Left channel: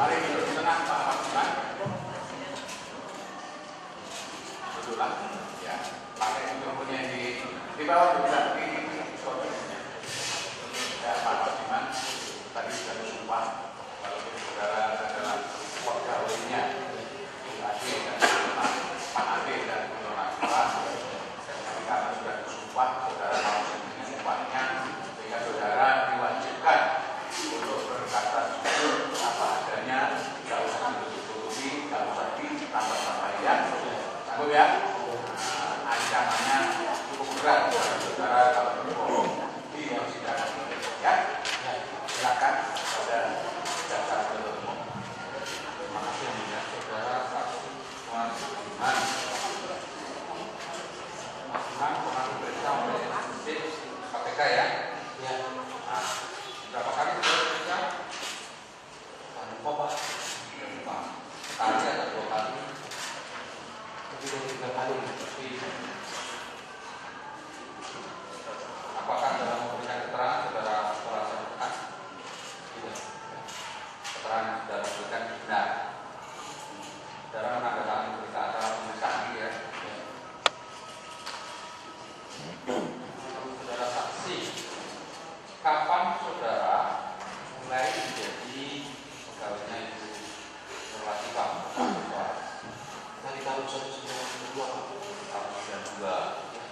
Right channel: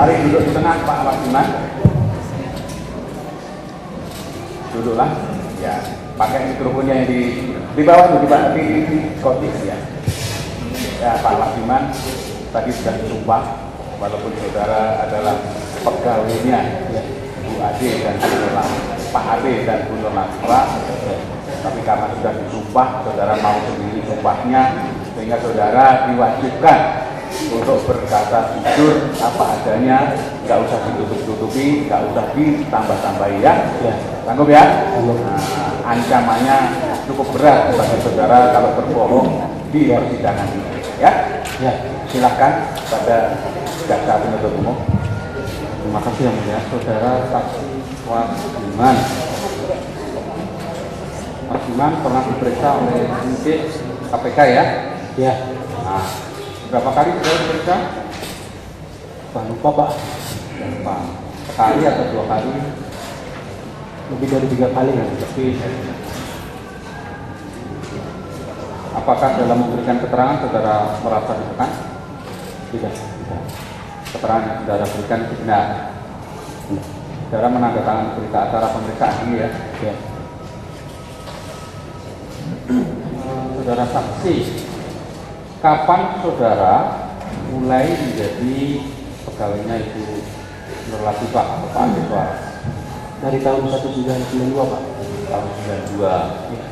Mari duduk di tengah Pak Wasiman. Duduklah. Ya, pakai mikrofonnya yang di bawah tuh, di kotis ya. Ya, Pak Wasiman tadi sudah disumpah, walaupun saudara adalah pegawainya ya, Bu Ade dan Bu Nola, Pak Ade dan Bu Nola, tapi karena sudah disumpah, saudara mau sendiri sumpahnya, sehingga saudara diwajibkan untuk berkata jujur apa adanya, nggak usah ditutup-tutupi, nggak usah ditambah-tambahi ya. Sanggup ya? Nah, ancamannya cukup berat bagi saudara kalau berbohong di persidangan ini ya. Ya, silakan pada jaksa penuntut umum. Terima kasih yang mulia, saudara saksi Wasiman. Wasiman pernah diperiksa oleh penyidik KPK ya? Ya. Nah, berapa kali saudara diperiksa? Lupa Pak. Lupa. Sekali atau 2 kali? Lebih dari 3 kali ya. Tapi apakah dalam memberikan keterangan saudara merasa ditekan? Tidak. Keterangan yang saudara berikan benar. Saudara menandatangani berita acara pemeriksaan ini ya? Ya. Saudara saksi, kapan saudara mulai menjadi pegawainya Ibu Nur Latifah, Pak Aditya? Dari tahun 1992 Pak. Tahun 92. Ya.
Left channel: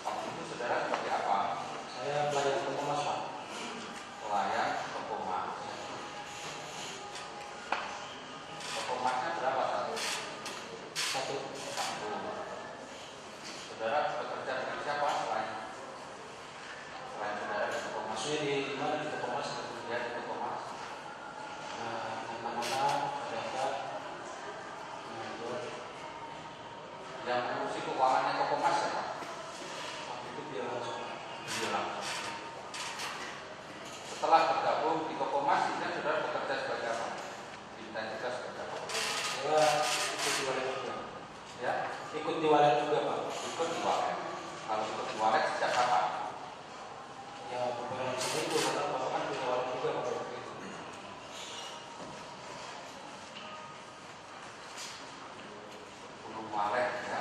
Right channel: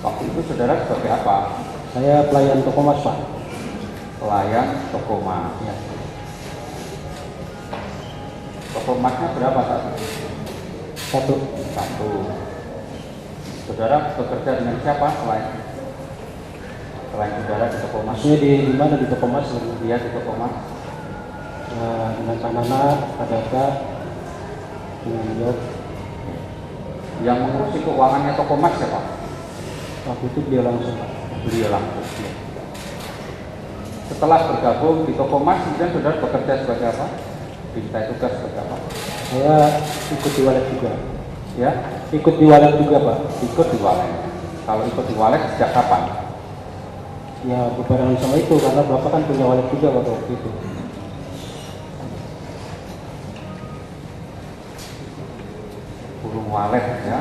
Waktu itu saudara sebagai apa? Saya pelayan toko mas Pak. Pelayan toko mas. Ya. Toko masnya berapa saat itu? Satu. Saudara bekerja dengan siapa selain saudara di toko mas? Maksudnya di mana di toko mas? Dia di toko mas. Dengan Panana, Padaka, dengan Yang mengurusi keuangannya toko mas siapa? waktu itu dia langsung. Beliau langsung. Setelah bergabung di toko mas, kemudian saudara bekerja sebagai apa? Diminta tugas sebagai apa? Saya ikut di walet juga. Ya, Ikut di walet juga Pak. ikut di walet. Kalau ikut di walet sejak kapan? Ya berbarengan sama itu karena bapak kan punya walet juga pada waktu itu. Burung walet ya.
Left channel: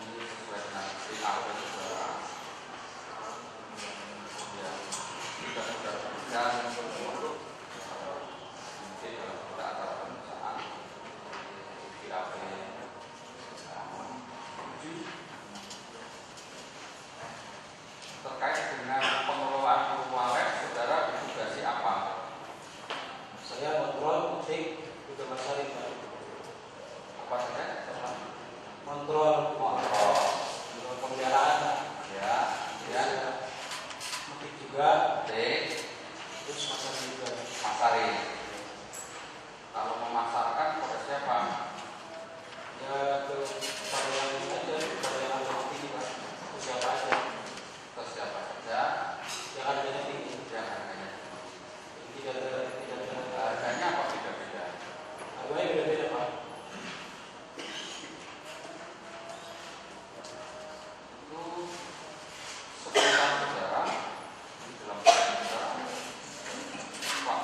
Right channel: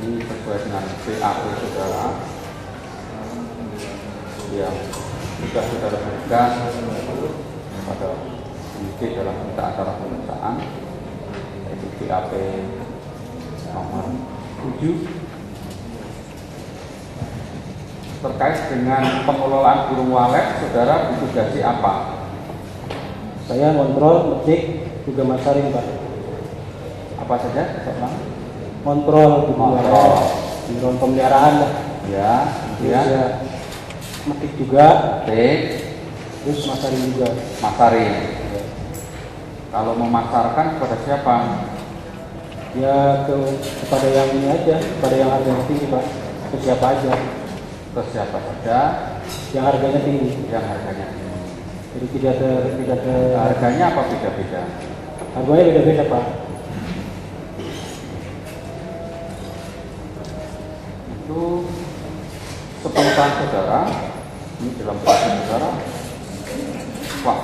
Ini sesuai dengan BAP saudara. Ya, jika saudara berikan pada penyidik dalam berita acara pemeriksaan, yaitu BAP nomor 7 terkait dengan pengelolaan burung walet, saudara ditugasi apa? Saya kontrol, ngetik, juga masarin Pak. Apa saja? Kontrol, Kontrol. kontrol pemeliharaan lah. Ya, Terus ya. ya ngetik juga, terus masarin juga. Masarin. Kalau memasarkan kepada siapa? Ya kepada yang ini aja, kepada yang harganya tinggi Pak. Ke siapa aja? Ke siapa saja Yang harganya tinggi. yang harganya tinggi. Jadi tidak ada Harganya apa beda-beda? harganya beda-beda Pak. Itu sepengetahuan saudara, ini dalam proses saudara, Pak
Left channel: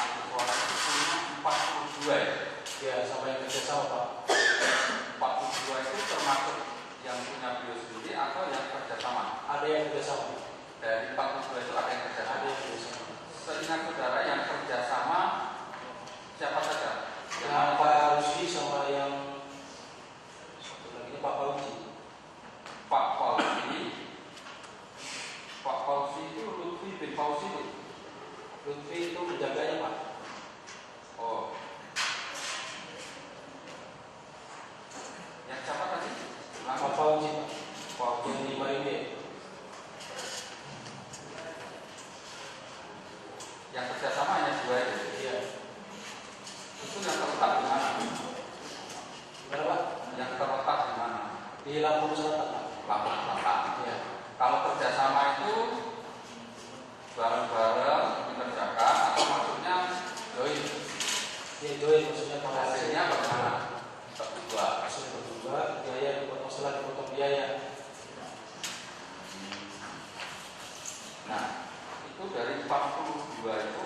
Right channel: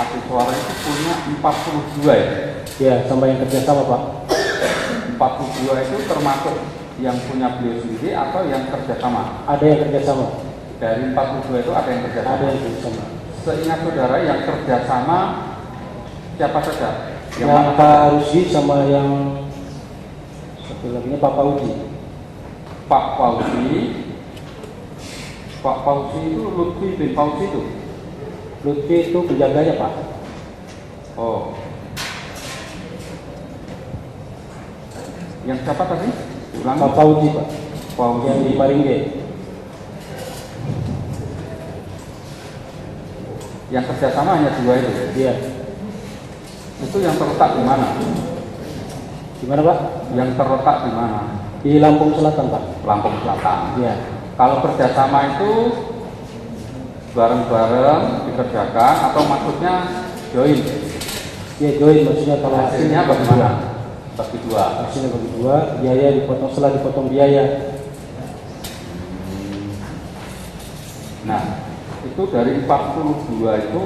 aktif suara itu punya 42 ya? Ya sama yang kerjasama Pak. 42 itu termasuk yang punya beliau sendiri atau yang kerjasama? Ada yang kerjasama. Dari 42 itu ada yang kerjasama? Ada yang kerjasama. Seingat saudara yang kerjasama siapa saja? Yang Pak Rusdi sama yang satu lagi Pak Fauzi. Pak Fauzi itu Lutfi bin Fauzi itu? Lutfi itu penjaganya Pak. Oh. Yang siapa tadi? Ulangi. Pak Fauzi Pak. Fauzi. Yang di Maringge. Yang kerjasama hanya 2 itu? Iya. Itu yang terletak di mana? Di mana Pak? Yang terletak di mana? Di Lampung Selatan Pak. Lampung Selatan. Iya. Kalau kerjasama itu bareng-bareng dikerjakan atau maksudnya join? Iya join maksudnya kalau Hasilnya bagaimana? Bagi 2. Hasilnya bagi 2, biaya dipotong setelah dipotong biaya. Nah, itu dari 42 itu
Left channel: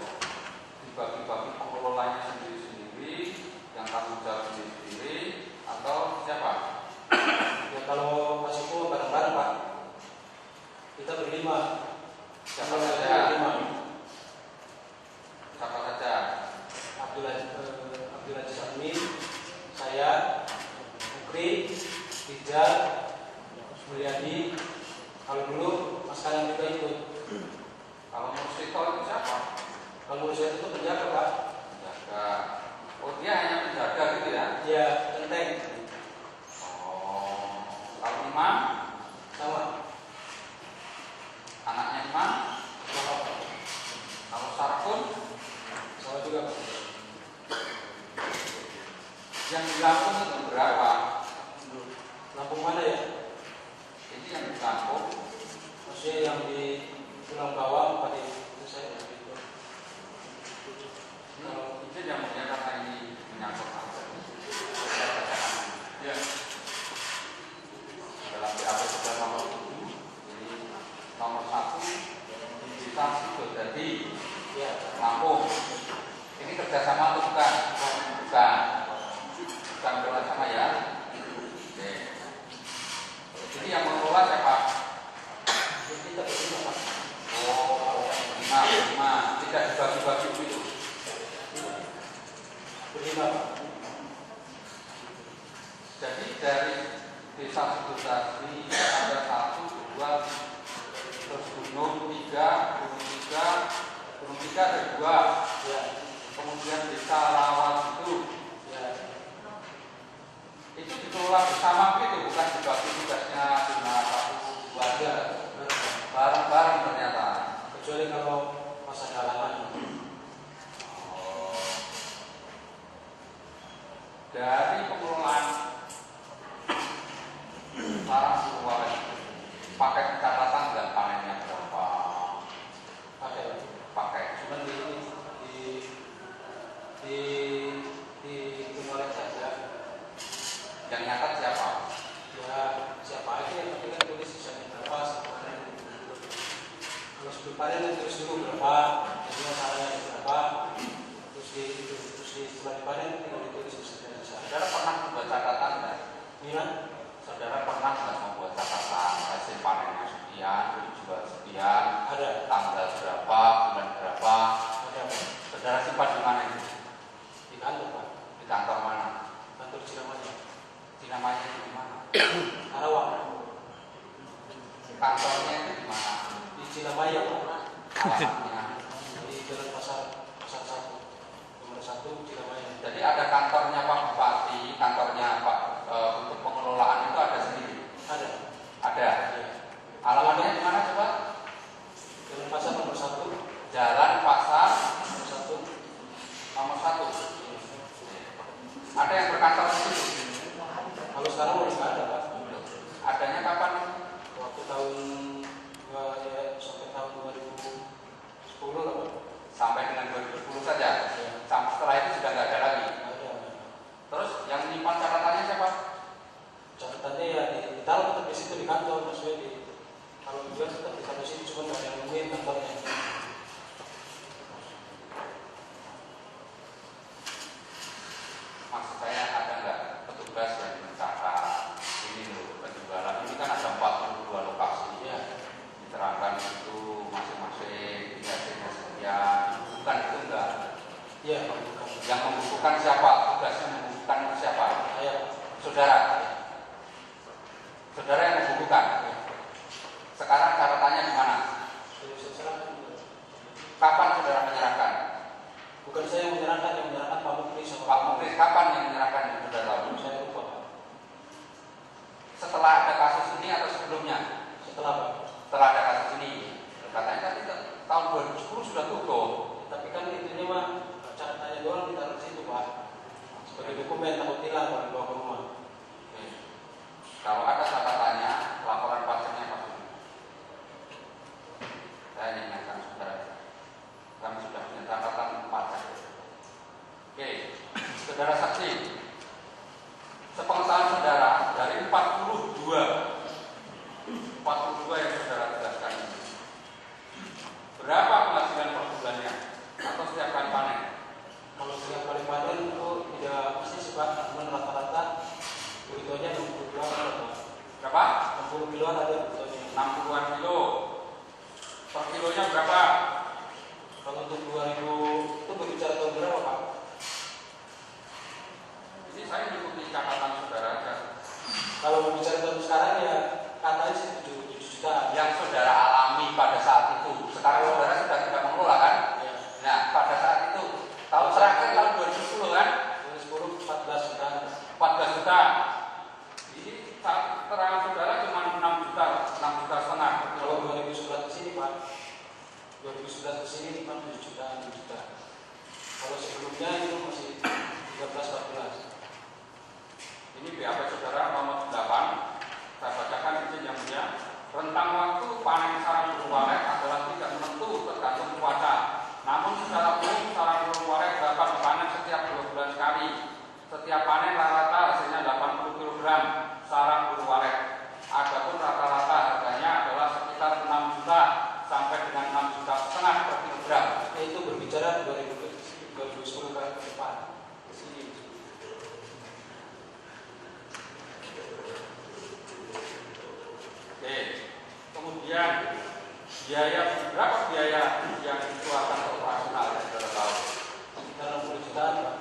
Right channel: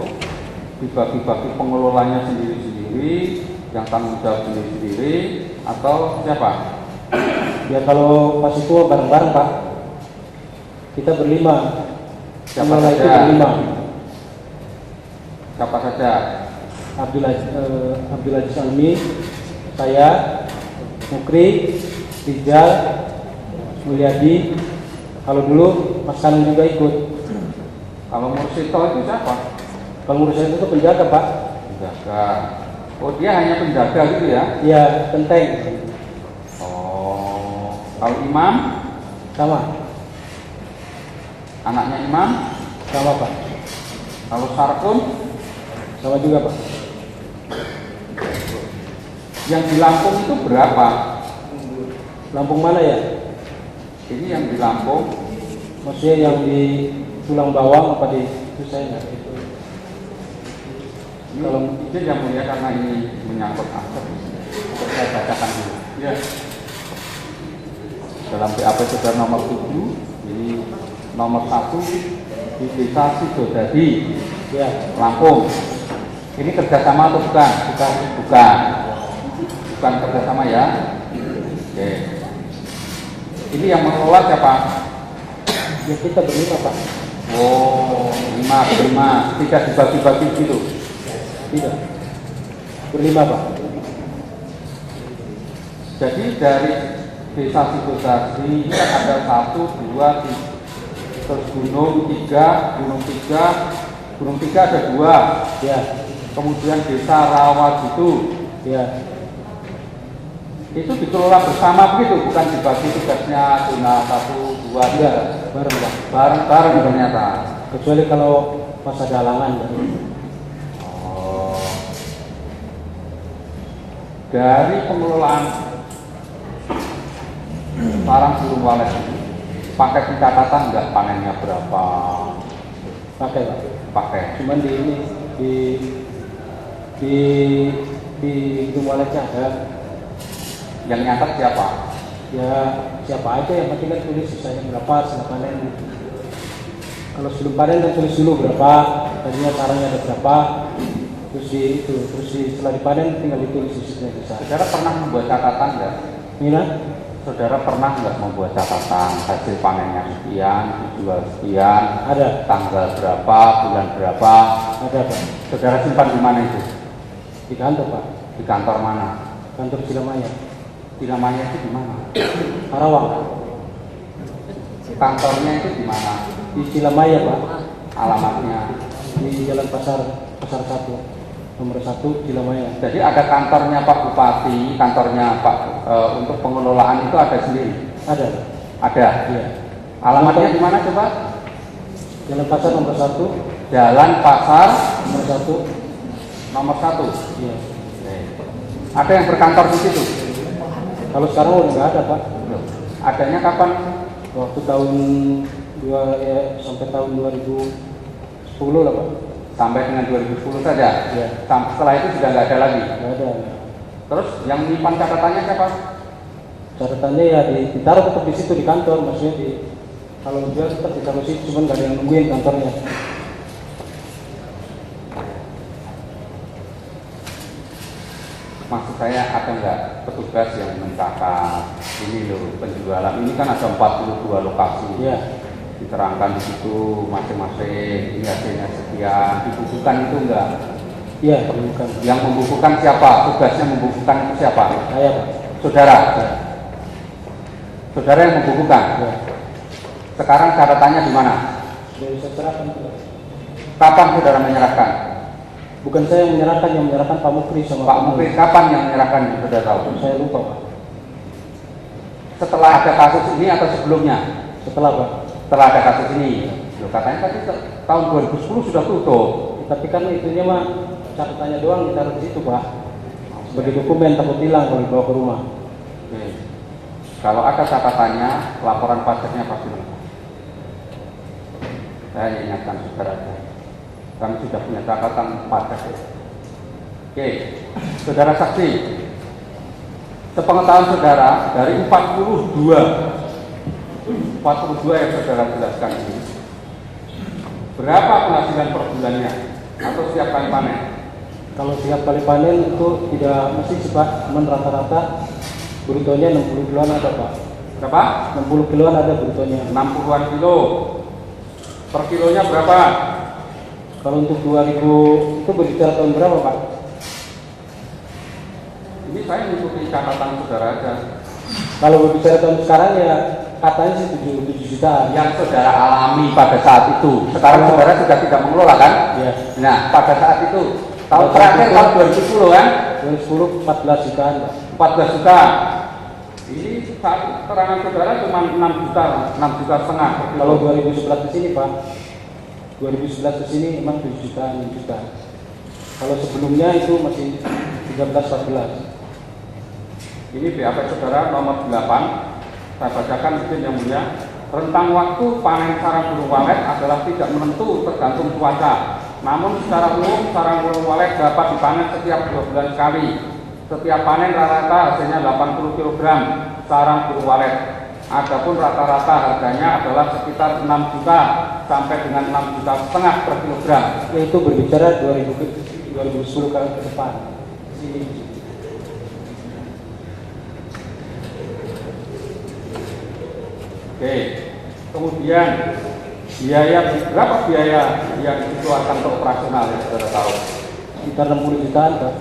dibagi-bagi pengelolanya sendiri-sendiri, yang tanggung jawab sendiri-sendiri, atau siapa? Ya kalau pas itu bareng-bareng Pak. Kita berlima. Siapa Pengelola itu saja? berlima. Siapa saja? Abdul Aziz Almi, saya, Mukri, Rizal, Mulyadi. Kalau dulu Mas Kanun juga ikut. Kalau Mursito itu siapa? Kalau Mursito itu penjaga Pak. Penjaga. Oh, dia hanya penjaga gitu ya? Iya, penteng. Oh, kalau imam, Sama, anaknya imam, sama Pak. kalau sarkun, Sama juga Pak. yang di Lampung itu berapa? Lampung mana ya? Ini yang di Lampung, Maksudnya yang di tulang bawang apa di itu saya nggak itu. kalau izin yang mulia karena ini menyangkut aset, saya bacakan dulu. Ya. Dalam BAP Saudara nomor 7, ini nomor 1 di Desa Sidodadi, Ya, Lampung. Ini kerjasama atau bukan? Bukan. Bukan kerjasama ya. Oke. Ini yang mengelola siapa? ya kita berlima Pak. Oh, 5, 3 dibagi-bagi gitu. Tidak. Berlima Pak. Jadi dari Desa Sidodadi ini kan ada 1, 2, 3, terus gunung 3, gunung 3 ada 2. Ya, Kemudian Desa Rawat ya. itu dikelola bersama begitu, bukan dibagi tugasnya zona 1, 2, 3. Tidak, bareng Pak. Bareng-bareng ternyata. Kecuali kalau pas ada halangan. Oh. Dari pengelolaan sarang burung walet ini, pakai pencatatan nggak panennya berapa? Pakai Pak. Pakai. Cuman di ini di Gunung Waletnya ada. Yang nyatat siapa? Ya siapa aja yang penting kan tulis sisanya berapa setelah panen. Kalau sebelum panen kan tulis dulu berapa, tadinya sarangnya ada berapa, terus setelah dipanen tinggal ditulis sisanya besar. Saudara pernah membuat catatan nggak? Nina, Saudara pernah nggak membuat catatan hasil panennya sekian, dijual sekian, ada tanggal berapa, bulan berapa? Pak. Saudara simpan di mana itu? Di kantor Pak, Di kantor mana? kantor Cilamaya, Di namanya itu di mana? Karawang, Kantornya itu di mana? di Cilamaya Pak, Alamatnya? di Jalan Pasar 1, nomor 1 Cilamaya. Jadi ada kantornya Pak Bupati, kantornya Pak untuk pengelolaan itu ada sendiri? Ada, Ada. iya. Alamatnya di mana coba? Jalan Pasar nomor 1, Jalan Pasar nomor 1, nomor 1. iya. Ada yang berkantor di situ? Kalau sekarang udah nggak ada Pak. Loh, adanya kapan? Waktu sampai tahun 2010 lah Pak. Sampai dengan 2010 saja? Iya. Setelah itu sudah nggak ada lagi? Nggak ada. Terus yang nyimpan catatannya siapa? Catatannya ya ditaruh tetap di situ di kantor, maksudnya kalau jual tetap ditaruh di situ, cuman nggak ada yang nungguin kantornya. Maksud saya ada nggak petugas yang mencatat ini loh penjualan ini kan ada 42 lokasi. Iya. Diterangkan di situ masing-masing ini hasilnya sekian, dibukukan itu enggak? Iya, bukan. Yang membukukan siapa? Tugasnya membukukan itu siapa? Saya Pak. Saudara. Iya. Saudara yang membukukan. Iya. Sekarang catatannya di mana? Sudah saya serahkan juga. Kapan saudara menyerahkan? Bukan saya yang menyerahkan Pak Mukri sama Pak Mukri kapan yang menyerahkan? Saudara tahu? Saya lupa Pak. Setelah ada kasus ini atau sebelumnya? Setelah Pak. Setelah ada kasus ini. Loh, katanya tadi tahun 2010 sudah tutup. Tapi kan itunya mah catatannya doang ditaruh di situ Pak. Sebagai dokumen takut hilang kalau dibawa ke rumah. Oke. Kalau ada catatannya, laporan pajaknya pasti. Saya ingatkan saudara saja. Kami sudah punya catatan pajak. Oke, saudara saksi. Sepengetahuan saudara dari 42 yang saudara jelaskan ini, berapa penghasilan per bulannya? atau setiap kali panen? Kalau setiap kali panen itu tidak mesti sih Pak, cuman rata-rata brutonya 60 kiloan ada Pak. Berapa? 60 kiloan ada brutonya. 60-an kilo. Per kilonya berapa? Kalau untuk 2000 itu berbicara tahun berapa Pak? Ini saya mengikuti catatan saudara aja. Kalau berbicara tahun sekarang ya katanya sih 7 jutaan. Yang saudara alami pada saat itu. Sekarang saudara sudah tidak mengelola kan? Ya. Nah, pada saat itu tahun terakhir tahun 2010 kan? 2010 14 jutaan Pak. 14 juta. Ini saat keterangan saudara cuma 6 juta, 6 juta setengah. Kalau 2011 ke sini Pak, 2011 ke sini memang 7 juta, 6 juta. Kalau sebelumnya itu masih 13-14. Ini BAP saudara nomor 8. Saya bacakan izin yang mulia. Rentang waktu panen sarang burung walet adalah tidak menentu tergantung cuaca. Namun secara umum sarang burung walet dapat dipanen setiap 2 bulan sekali. Setiap panen rata-rata hasilnya 80 kg sarang burung walet. Adapun rata-rata harganya adalah sekitar 6 juta sampai dengan 6 juta setengah per kilogram. Itu berbicara 2010 ke depan. Sini. Oke, kemudian biaya berapa biaya yang dikeluarkan untuk operasional ya saudara tahu? Sekitar 60 jutaan Pak.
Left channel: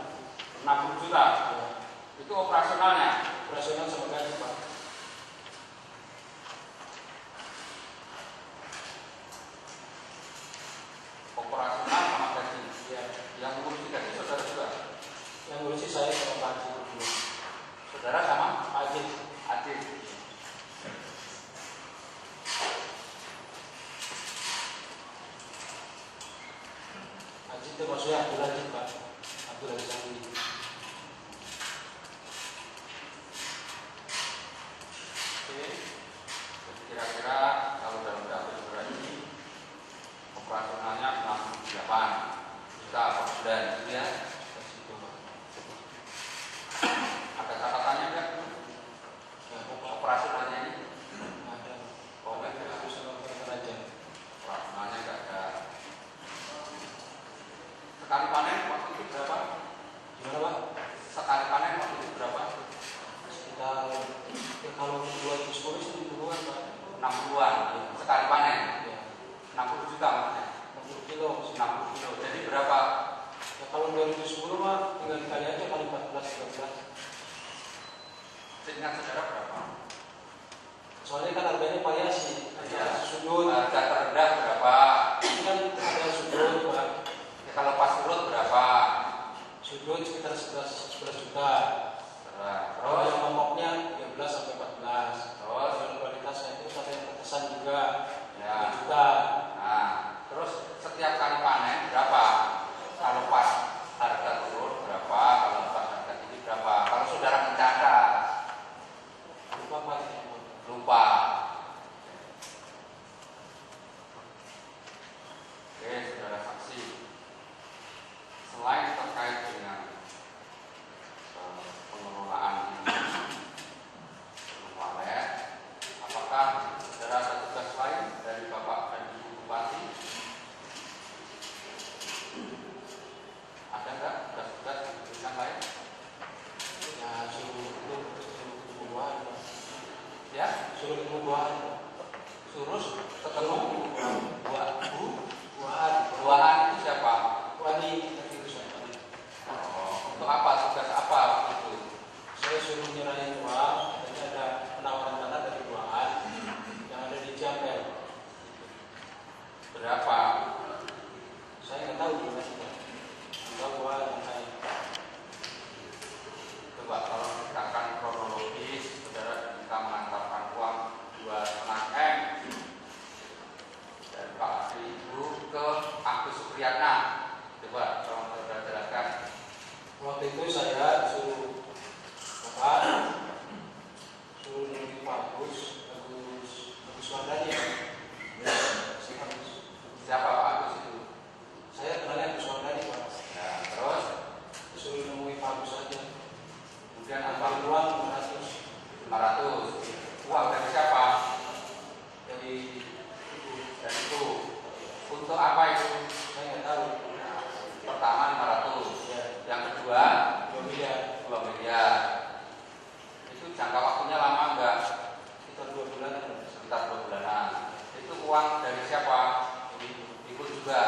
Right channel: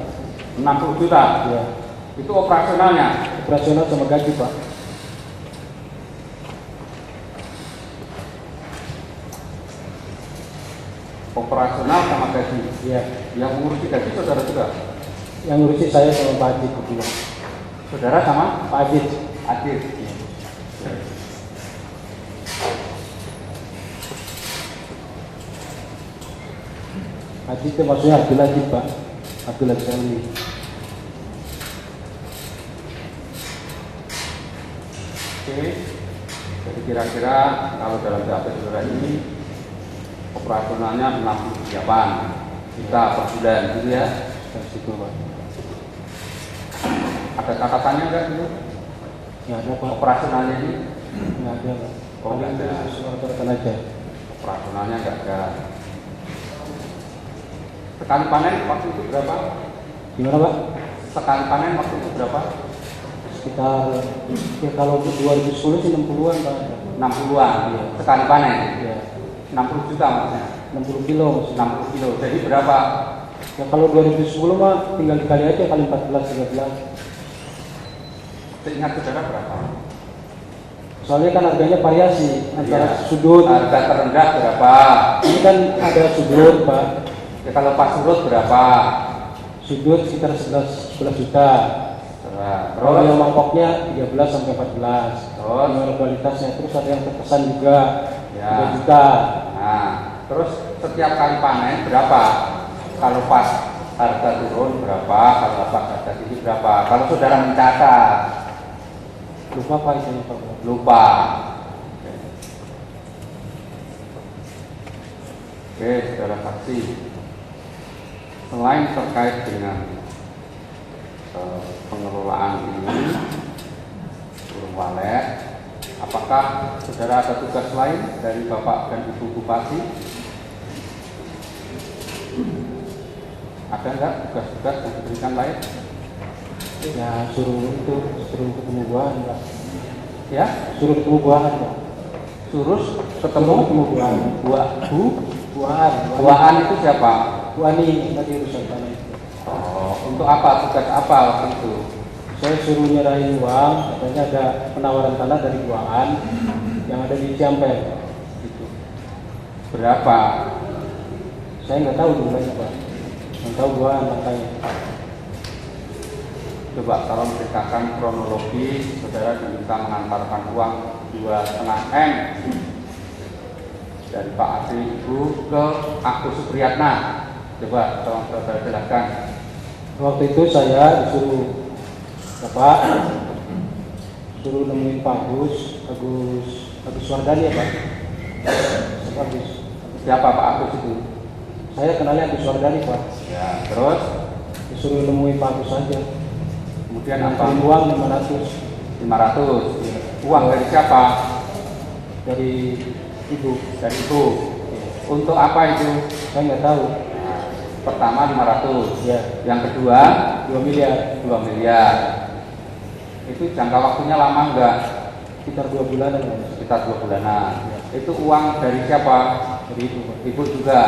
60 juta. Ya. Itu operasionalnya. Operasional sama gaji Pak. Operasional sama gaji. Ya. Yang mengurusi gaji saudara juga. Yang ngurusin saya sama Pak Adit berdua. Saudara sama Pak Adit. Adit. Adit itu maksudnya Abdul Adit Pak. Abdul Adit Ali. Oke. Jadi kira-kira kalau dalam data saudara ini operasionalnya 68 juta per bulan gitu ya. Dari situ Pak. Ada catatannya enggak dulu? Nggak ada Pak. Operasionalnya ini Nggak ada Pak. Oh, nggak ada. Rata-rata aja. operasionalnya enggak ada. Sekali panen waktu itu berapa? Gimana Pak? Sekali panen waktu itu berapa? Sekitar ya kalau 2010 sih 60-an Pak. 60-an. Iya. Sekali panen. Ya. 60 juta maksudnya. 60 kilo maksudnya. 60 kilo. Jadi berapa? Ya kalau 2010 mah tinggal dikali aja kali 14-13. Seingat saudara berapa? Soalnya kan harganya variasi antara Iya. sudut. Harga terendah berapa? Ini kan ada sudut Pak. Ya kalau pas surut berapa? Sudut sekitar 11 juta. Nah, Kalau yang terus mangkoknya 13 sampai 14. Terus? Gimana kualitasnya? Terus ada yang terkesan juga Ya. 3 juta. Nah, terus setiap kali panen berapa? Kalau pas harga turun berapa? Kalau pas harga tinggi berapa? Kalau saudara mencatat, Lupa Pak itu Pak. lupa. Oke, saudara saksi. Selain terkait dengan pengelolaan ini, burung walet, apakah saudara ada tugas lain dari Bapak dan Ibu Bupati? Ada enggak tugas-tugas yang diberikan lain? Ya suruh ketemu buahan Pak. Ya, Suruh ketemu buahan Pak. Surus Ketemu ketemu buahan. Buahan. buahan itu siapa? Buani tadi urusan tanah. Oh, untuk apa? Tugas apa waktu itu? Saya suruh nyerahin uang, katanya ada penawaran tanah dari buahan yang ada di Ciampel. Gitu. Berapa? Saya nggak tahu jumlahnya Pak. Yang tahu buahan makanya. Coba kalau menceritakan kronologi, saudara diminta mengantarkan uang 2,5 M dari Pak Adi Ibu ke Agus Supriyatna. Coba tolong saudara jelaskan. Waktu itu saya disuruh Bapak suruh nemuin Pak Agus Wardani ya Pak. Agus. Siapa Pak Agus itu? Saya kenalnya Agus Wardani Pak. Ya, terus Disuruh nemuin Pak Agus aja. kemudian apa? Kirim uang 500 500. Uang dari siapa? dari ibu. Dari Ibu. Untuk apa itu? Saya nggak tahu. Nah, Pertama 500. Ya. Yang kedua 2 miliar. 2 miliar. Itu jangka waktunya lama enggak? Sekitar 2 bulanan Pak. Sekitar 2 bulanan. Itu uang dari siapa? Dari itu Pak. Ibu juga.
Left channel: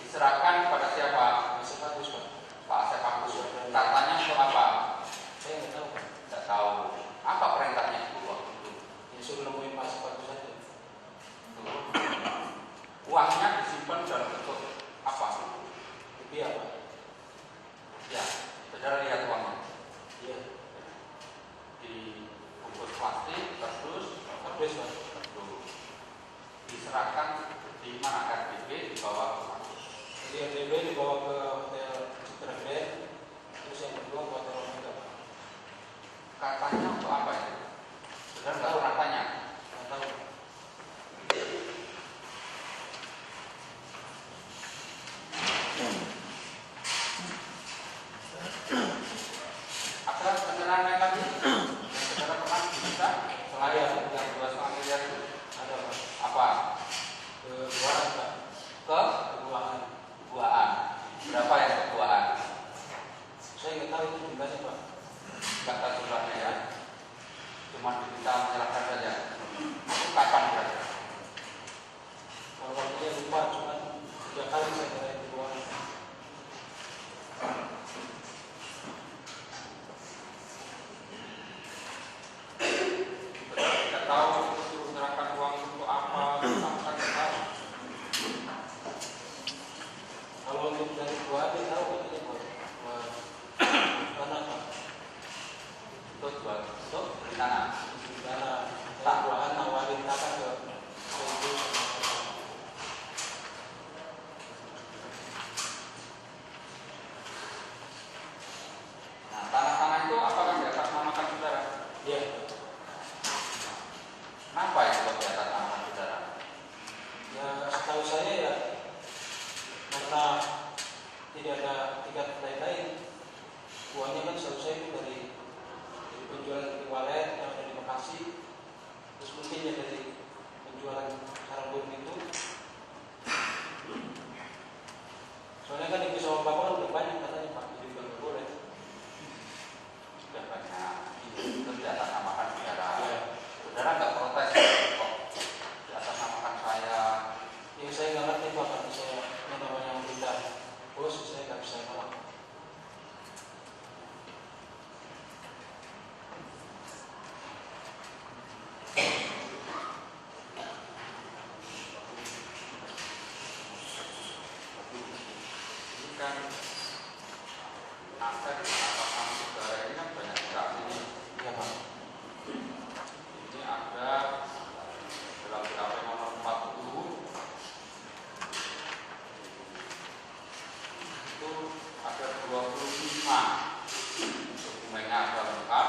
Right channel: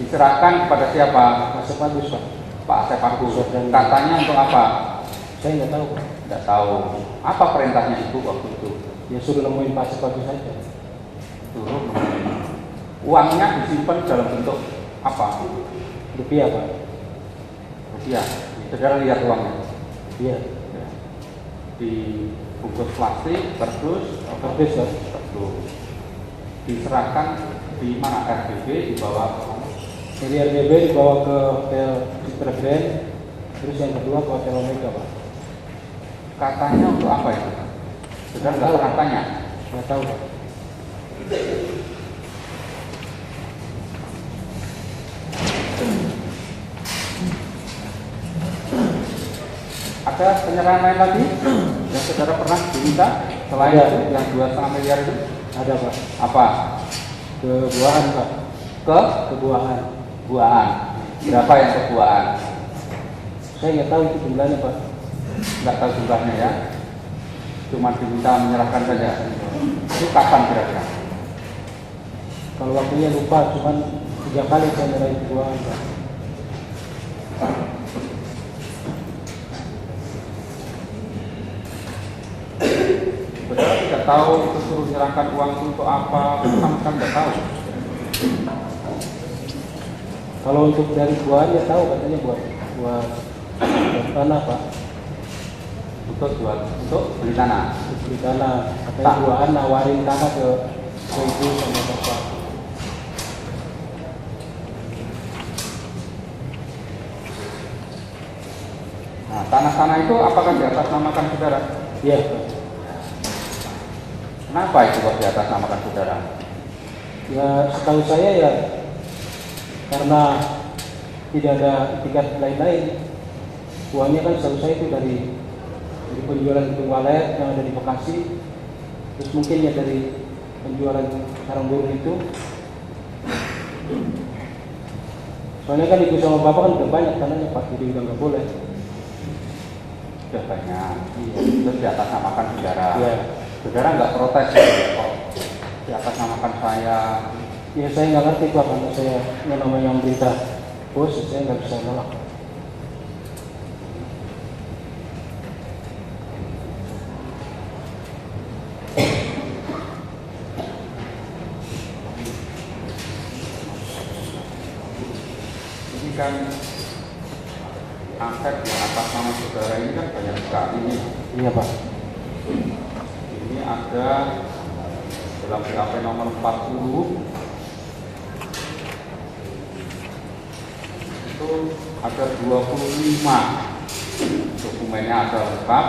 Diserahkan kepada siapa? Masuk bagus Pak. Pak Asep Agus. Saudara. Katanya untuk apa? Saya nggak tahu Pak. Tidak tahu. Apa perintahnya ibu waktu itu? Ya suruh nemuin Pak Asep Agus saja. Suruh. Uangnya disimpan dalam bentuk apa? Rupiah Pak. Rupiah. Saudara lihat uangnya. Iya. Di bungkus plastik, kardus, Bagus Pak. kardus. Diserahkan di mana? RBB dibawa ke mana? Jadi RBB dibawa ke Hotel Citra Grand. Terus yang kedua ke Hotel Omega Pak. Katanya untuk apa itu? Saudara nggak pernah tanya. Nggak tahu Pak. Ada penyerahan lain lagi yang saudara pernah diminta selain Ada. itu yang 2,5 miliar itu? Ada Pak. Apa? Ke Buahan Pak. Ke Ke Buahan. buahan. Berapa yang ke buahan? Saya nggak tahu itu jumlahnya Pak. Nggak tahu jumlahnya ya. Cuma diminta menyerahkan saja. Itu kapan kira-kira? Kalau waktunya lupa, cuman 3 kali saya nyerahin ke Buahan Pak. Saudara tidak tahu itu suruh menyerahkan uang untuk apa, sama sekali tidak tahu. Kalau untuk dari Buahan ya tahu katanya buat tanah Pak. Untuk beli tanah. Untuk beli tanah. Katanya Tak. Buahan nawarin tanah ke ibu sama bapak. Nah, tanah-tanah itu apakah di atas namakan saudara? Iya. Kenapa itu kok di atas namakan saudara? Ya setahu saya ya karena tidak ada etikat lain-lain. Uangnya kan setahu saya itu dari penjualan gedung walet yang ada di Bekasi. Terus mungkin ya dari penjualan sarang burung itu. Soalnya kan ibu sama bapak kan udah banyak tanahnya Pak, jadi udah nggak boleh. Sudah banyak. Terus di atas namakan saudara. Iya. Saudara nggak protes kok di atas namakan saya. Ya saya nggak ngerti Pak, karena saya yang namanya berita bos, saya nggak bisa nolak. Ini kan aset yang atas nama saudara ini kan banyak sekali nih. Iya Pak. Ini ada dalam BAP nomor 40 itu ada 25 dokumennya ada lengkap.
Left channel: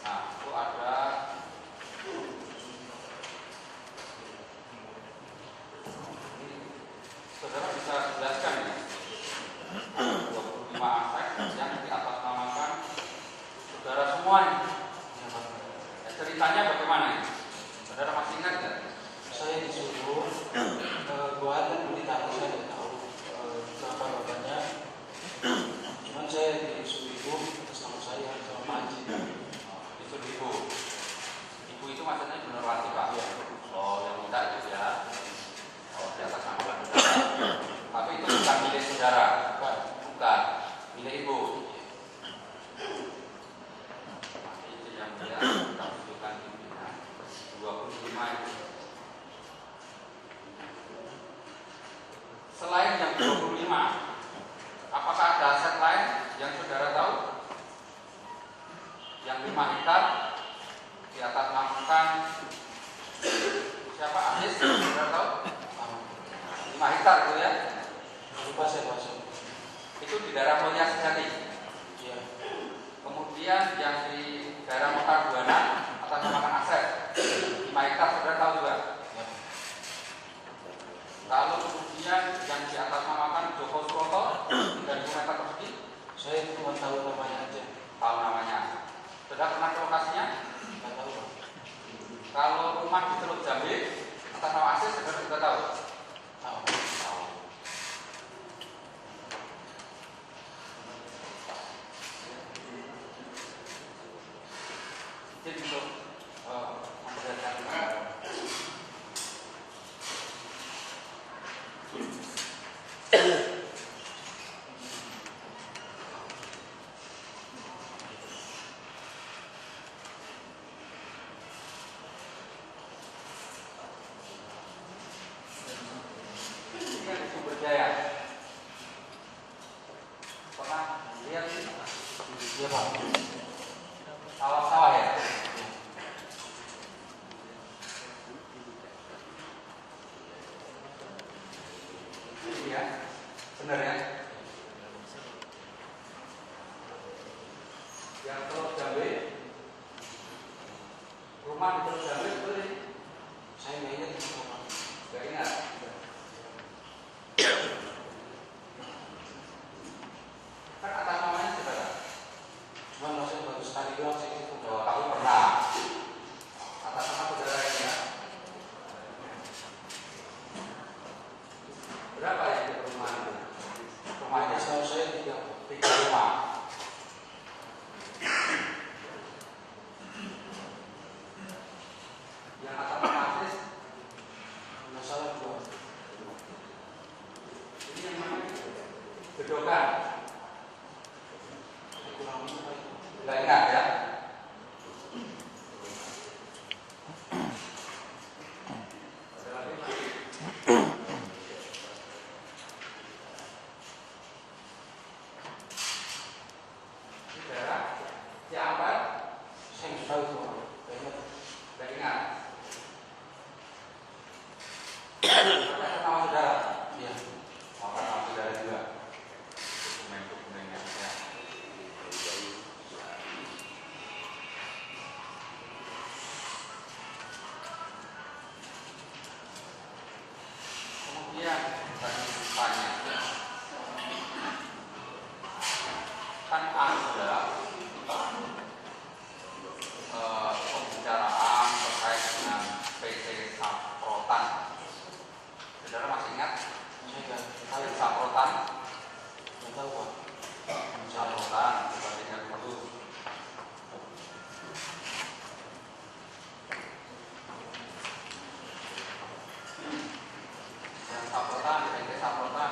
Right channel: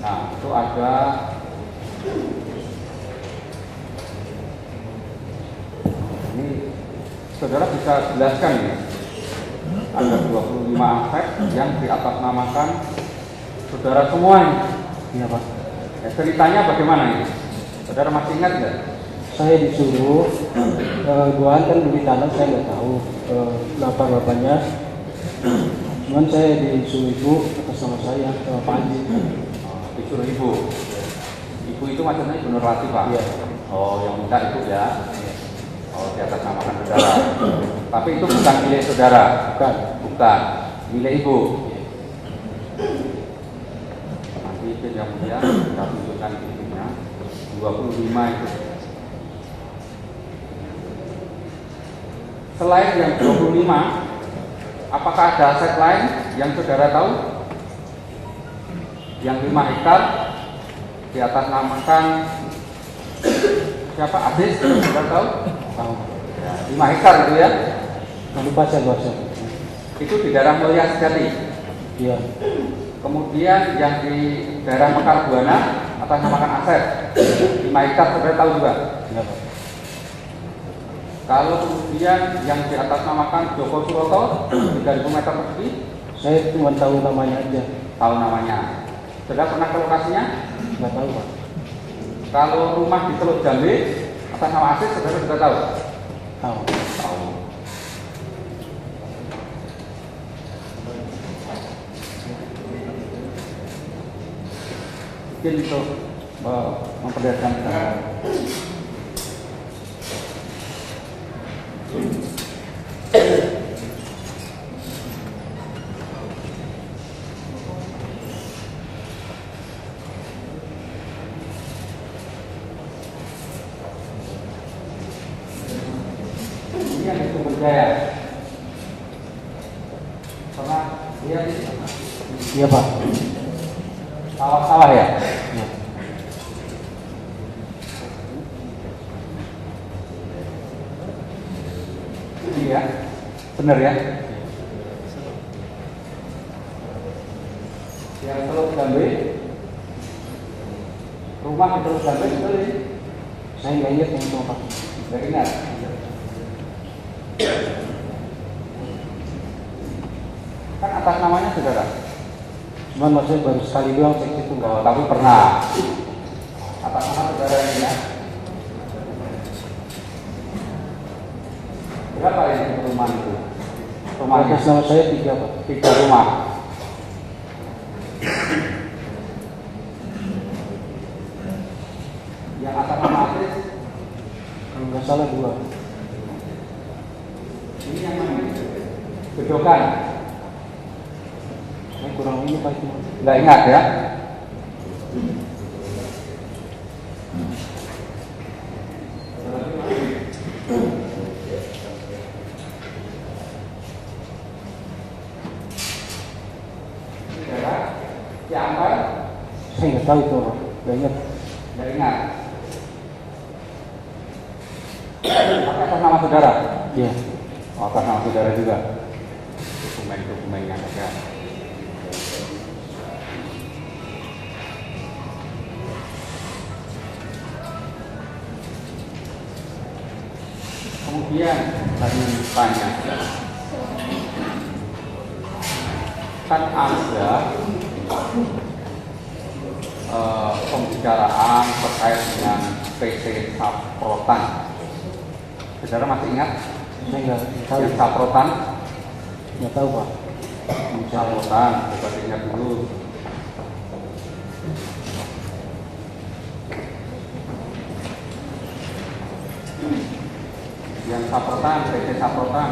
Nah itu ada ini saudara bisa jelaskan ini ada 25 aset yang diatasnamakan saudara semua ini. Iya Pak. Ya, ceritanya bagaimana ini? Saudara masih ingat nggak? Saya disuruh Buahan kan beli tanah, saya nggak tahu lapan-lapannya. Cuman saya disuruh ibu atas nama saya sama Pak Haji. Disuruh ibu. Ibu itu maksudnya ibu Nurwati Pak? Iya. Oh yang minta itu ya? Oh di atas namakan saudara. Tapi itu bukan milik saudara? Bukan. Bukan. Milik ibu? Nanti itu yang mulia kita tunjukkan ininya 25 itu. Selain yang 25, apakah ada aset lain yang saudara tahu? Yang 5 hektar di atas namakan siapa? Adis, saudara tahu? Tahu. Ya, 5 hektar itu ya? Nggak lupa saya bahasa. Itu di daerah Mulia Sejati. Iya. Kemudian yang di daerah Mekar Buana atas namakan aset 5 hektar, saudara tahu juga? Iya Pak. Kalau kemudian yang di atas namakan Joko Suroto 3.000 meter persegi, Saya cuma tahu namanya aja. tahu namanya. Saudara pernah ke lokasinya? Nggak tahu Pak. Kalau rumah di Teluk Jambe Atas nama Asis saudara juga tahu? Tahu. Tahu. Mungkin untuk memperlihatkan gambar. Ini kan itu berjaya. Pernah lihat? Iya Pak. Sawah-sawah ya? Ya. Iya, benar ya? Yang Teluk Jambe, rumah di Teluk Jambe betul ini? Saya nggak ingat yang itu Pak. Nggak ingat. Kan atas namanya saudara. Cuman maksudnya baru sekali doang cek itu nggak. Oh, tapi pernah. Atas nama saudara ini ya. Berapa ini rumah itu? Rumahnya Atas nama saya 3 Pak. 3 rumah. Yang atas nama Asis, Kalau nggak salah 2. ini yang mana? Bedokan. Saya kurang ini Pak itu. Nggak ingat ya? Saudara, Ciampar, Saya nggak tahu itu Pak. Nggak ingat. nggak ingat. Tapi atas nama saudara? Iya. Oh, atas nama saudara juga. Dokumen-dokumennya ada. Kemudian tadi tanya, kan ada pembicaraan terkait dengan PT Saprotan. Saudara masih ingat? Saya nggak tahu. Yang Saprotan? Nggak tahu Pak. Saprotan, coba ingat dulu. Yang Saprotan, PT Saprotan.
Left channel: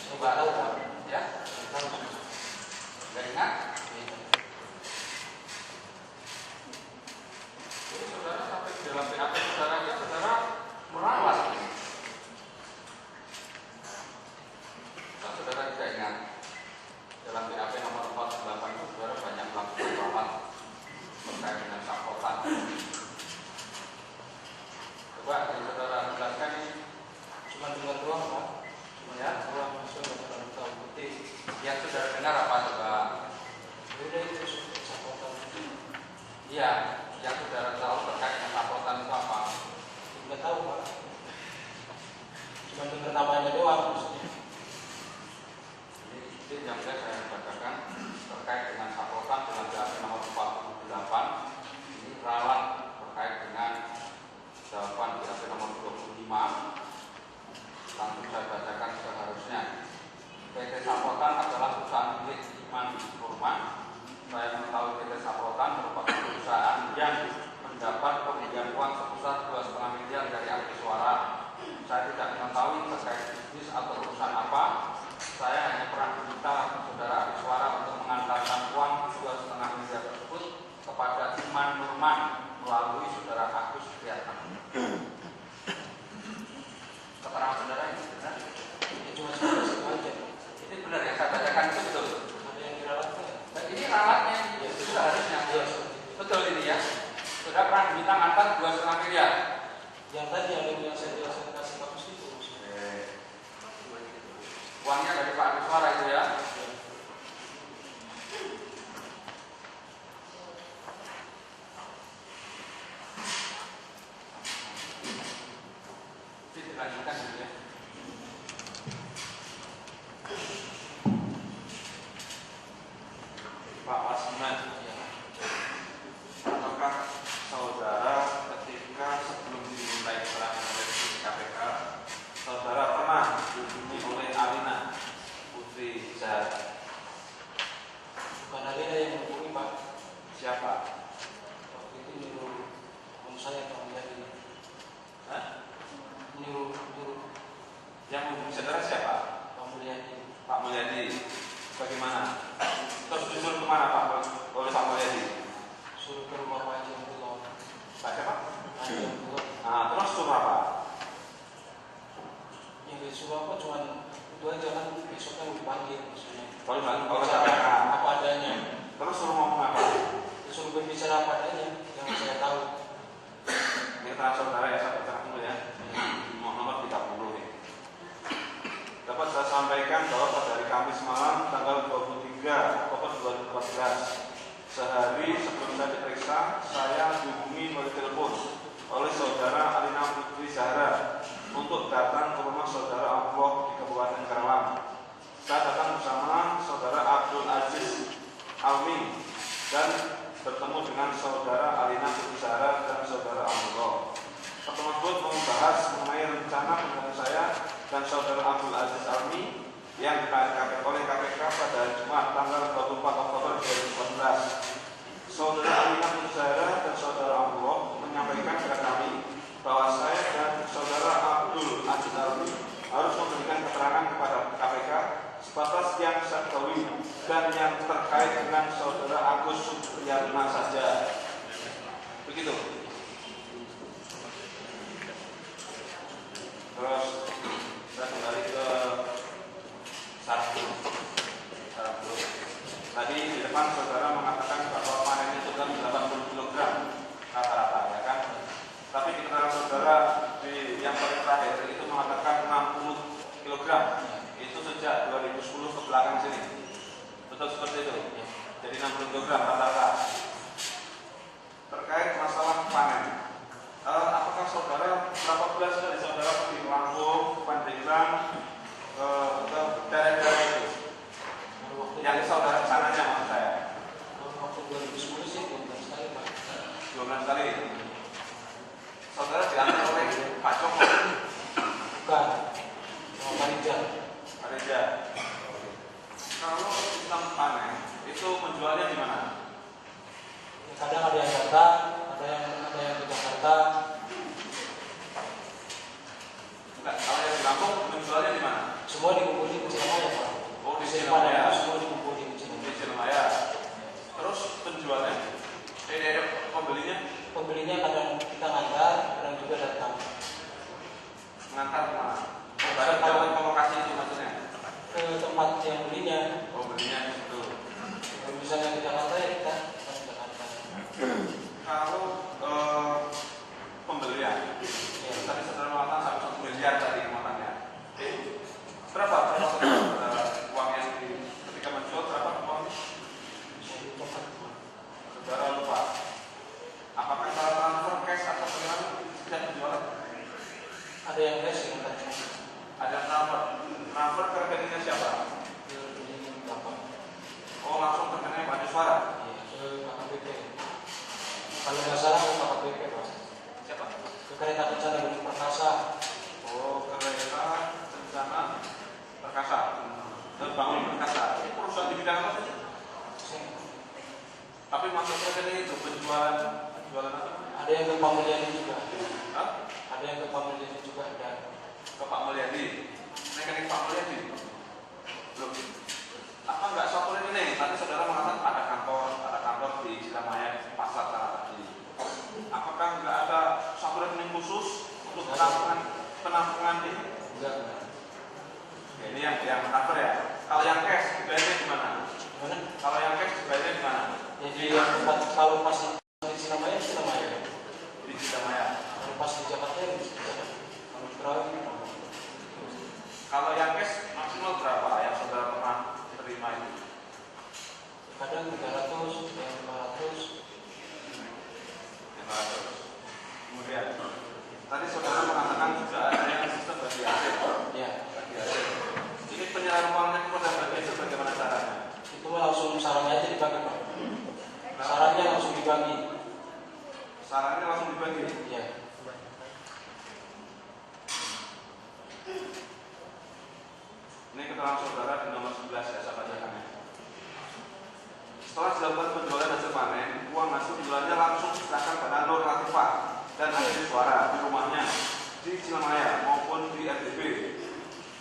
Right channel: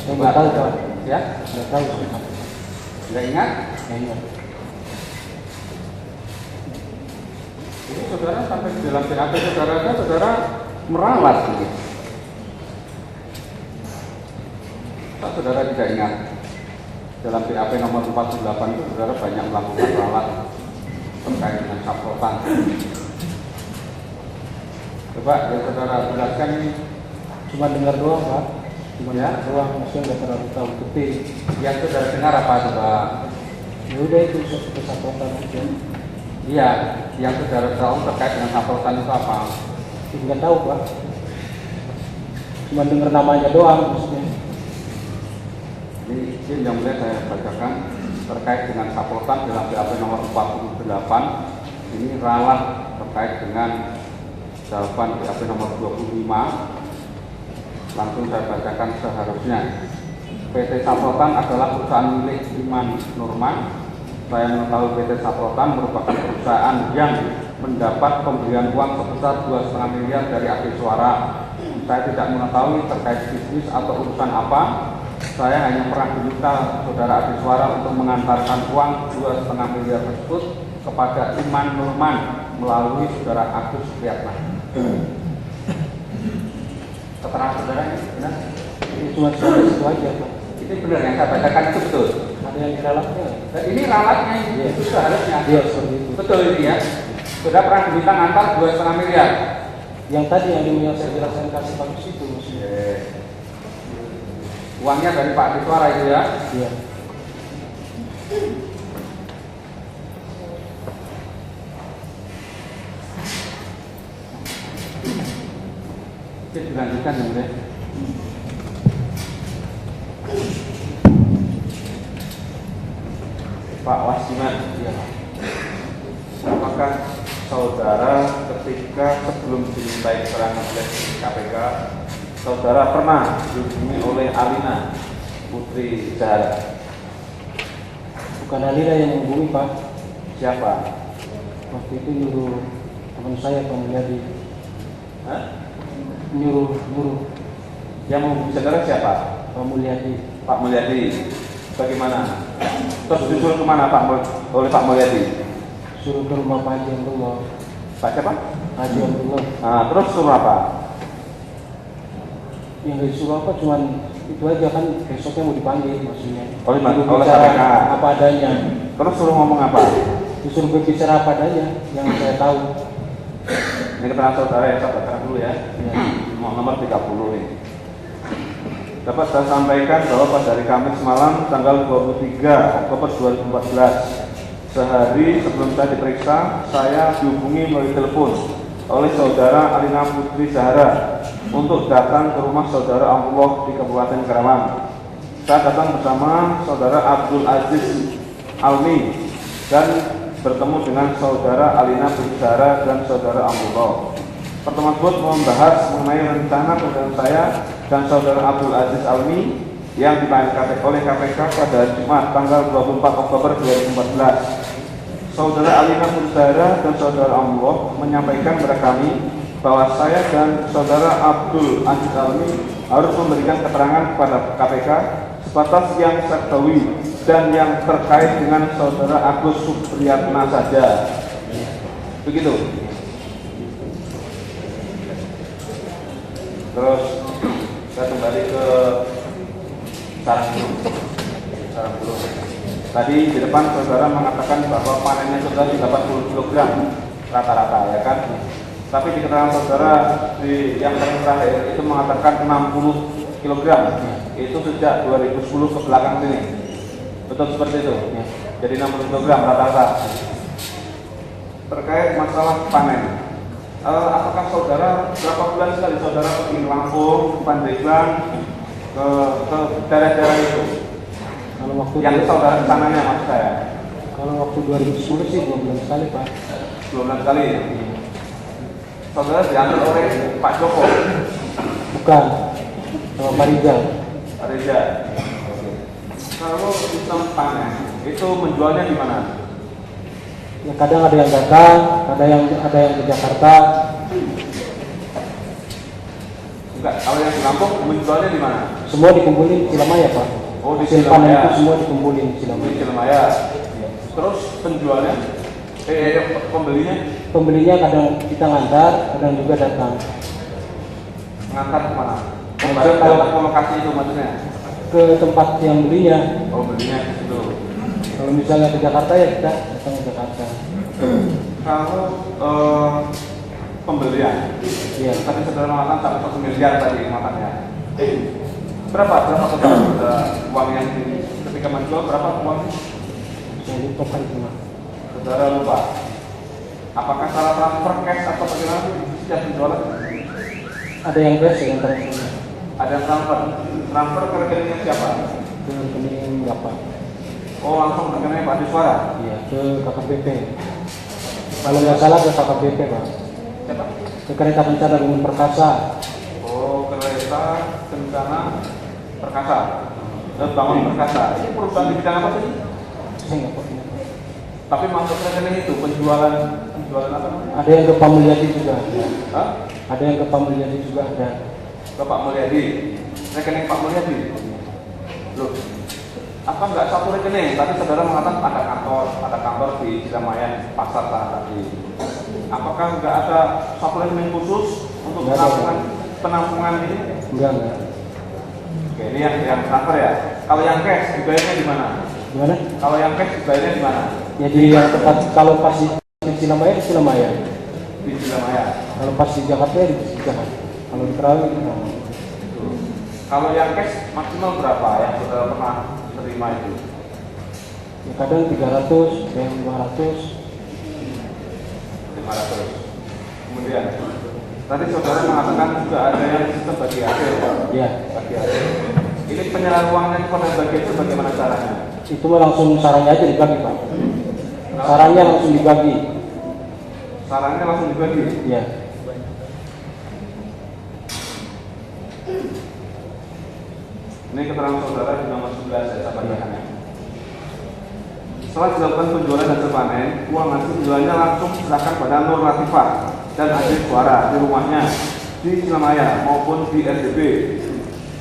Saya nggak tahu Pak. Ya? Nggak tahu Pak. Nggak ingat? Nggak ingat. Ini saudara sampai di dalam BAP saudara meralat ini. Kalau saudara tidak ingat, dalam BAP nomor 48 itu saudara banyak melakukan ralat terkait dengan Saprotan. Coba yang saudara jelaskan ini. Cuma dengar doang Pak. Cuma Ya. dengar doang. Maksudnya nggak terlalu tahu detail. Yang saudara dengar apa coba? Ya udah itu satu Saprotan aja. Iya, yang saudara tahu terkait dengan Saprotan itu apa? Nggak tahu Pak. Cuma dengar namanya doang maksudnya. Ini yang boleh saya bacakan terkait dengan Saprotan dalam BAP nomor 48. Ini ralat terkait dengan jawaban BAP nomor 25. Langsung saya bacakan seharusnya. PT Saprotan adalah perusahaan milik Iman Nurman. Saya mengetahui PT Saprotan merupakan perusahaan yang mendapat pemberian uang sebesar 2,5 miliar dari Adi Suara. Saya tidak mengetahui terkait bisnis atau urusan apa. Saya hanya pernah diminta saudara Adi Suara untuk mengantarkan uang 2,5 miliar tersebut kepada Iman Nurman melalui saudara Agus Priyatna. Keterangan saudara ini benar? Ini cuma sampai situ aja Pak. Ini benar yang saya bacakan itu betul. Ada yang diralaknya? Dan ini ralatnya ini Iya. itu seharusnya. Iya seperti itu. Betul ini ya. Sudah pernah diminta ngantar 2,5 miliar. Yang tadi yang saya jelaskan kasih bagus itu maksudnya. Uangnya dari Pak Adi Suara itu ya. Iya. Oke, dilanjutkan ya Bunda. Pak Wasiman. Iya. apakah saudara ketika sebelum dimintai keterangan oleh KPK, saudara pernah dihubungi oleh Alina Putri Zahara? Bukan Alina yang menghubungi Pak. Siapa? Waktu itu nyuruh teman saya Pak Mulyadi. Hah? Nyuruh Yang menghubungi saudara siapa? Pak Mulyadi. Pak Mulyadi. Bagaimana? Terus disuruh kemana oleh Pak Mulyadi? Suruh ke rumah Pak Haji Abdullah. Pak siapa? Haji Abdullah. Nah, terus suruh apa? Yang disuruh apa cuman itu aja kan, besoknya mau dipanggil maksudnya. Oleh Suruh KPK. bicara apa adanya. Terus suruh ngomong apa? Disuruh berbicara apa adanya yang saya tahu. Ini keterangan saudara ya, saya bacakan dulu ya. Ya. Nomor 30 ini. Dapat saya sampaikan bahwa pada hari Kamis malam tanggal 23 Oktober 2014, sehari sebelum saya diperiksa, saya dihubungi melalui telepon oleh saudara Alina Putri Zahara untuk datang ke rumah saudara Abdullah di Kabupaten Karawang. Saya datang bersama saudara Abdul Aziz Almi dan bertemu dengan saudara Alina Putri Zahara dan saudara Abdullah. Pertemuan tersebut membahas mengenai rencana pembelaan saya dan saudara Abdul Aziz Almi yang dipanggil oleh KPK pada hari Jumat tanggal 24 Oktober 2014. Saudara Alina Putri Zahara dan saudara Abdullah menyampaikan kepada kami bahwa saya dan saudara Abdul Aziz Almi harus memberikan keterangan kepada KPK sebatas yang saya ketahui dan yang terkait dengan saudara Agus Supriyatna saja. Begitu. Terus saya kembali ke sarang burung. Tadi di depan saudara mengatakan bahwa panennya saudara 80 kg rata-rata, ya kan? Tapi di keterangan saudara yang terakhir itu mengatakan 60 kg. Itu sejak 2010 ke belakang sini. Betul seperti itu? Ya. Jadi 60 kg rata-rata. Terkait masalah panen, apakah saudara berapa bulan sekali saudara pergi ke Lampung, Pandeglang, ke daerah-daerah itu? Kalau waktu Yang saudara rencananya maksud saya? Kalau waktu 2010 sih 2 bulan sekali Pak. 2 bulan sekali. Saudara diantar oleh Pak Joko? Bukan, sama Pak Rizal. Pak Reza. Oke. Kalau sistem panen itu menjualnya di mana? Ya, kadang ada yang datang, ada yang ke Jakarta. Enggak, kalau yang di Lampung menjualnya di mana? Semua dikumpulin di Cilamaya Pak. Oh, di Hasil panen Cilamaya. itu semua dikumpulin di Di Cilamaya. Cilemaya. Terus penjualnya? Pembelinya? Pembelinya kadang kita ngantar, kadang juga datang. Ngantar ke mana? Maksudnya Datang ke lokasi itu maksudnya? Ke tempat yang belinya. Oh, belinya di situ. Kalau misalnya ke Jakarta ya kita datang ke Jakarta. Kalau pembelian, Iya. tadi saudara mengatakan sampai 1 miliar tadi matanya. Berapa total uang yang ketika menjual, berapa uangnya? Saya lupa Pak itu. Saudara lupa. Apakah salah transfer cash atau bagaimana setiap penjualan? Ada yang cash, yang transfer. Ada transfer. Transfer ke rekeningnya siapa? Ke rekening Bapak. Oh, langsung rekeningnya Pak Diswara. Iya, ke KKBP. Kalau nggak salah ke KKBP Pak. Siapa? Ke Kereta Kencana Bangun Perkasa. Oh, Kereta Kencana Perkasa. Bangun Perkasa. Ini perusahaan di bidang apa tadi? Saya nggak tahu. Tapi masuk rekening itu penjualan apa namanya? Ada yang ke Pak Mulyadi juga. Hah? Ada yang ke Pak Mulyadi juga ada. Ke Pak Mulyadi. Rekening Pak Mulyadi. Loh, apa enggak satu rekening? Tadi saudara mengatakan ada kantor di Cilamaya Pasar sana tadi. Apakah enggak ada satu rekening khusus untuk Enggak ada. penampungan ini? Enggak. Oke, ini yang transfer ya. Kalau yang cash dibayarnya di mana? Gimana? Kalau yang cash dibayarnya di mana? Ya di yang tempat, kalau pas di Cilamaya di Cilamaya. Di Cilamaya. Kalau pas di Jakarta ya di Jakarta. Kalau di Perawi di Perawi. Kalau yang cash maksimal berapa yang saudara pernah terima itu? Ya kadang 300, yang 500. 500. Kemudian tadi saudara mengatakan juga ada yang sistem bagi hasil. Ya. Bagi hasil. Ini penyerahan uangnya kepada bagi hasil bagaimana caranya? Itu mah langsung sarannya aja dibagi Pak. Sarannya langsung dibagi. Sarannya langsung dibagi. Iya. Ini keterangan saudara di nomor 11 ya, saya bacakan ya. Setelah dilakukan penjualan hasil panen, uang hasil penjualannya langsung diserahkan pada Nur Latifah dan adik suara di rumahnya di Cilemaya maupun di RDB.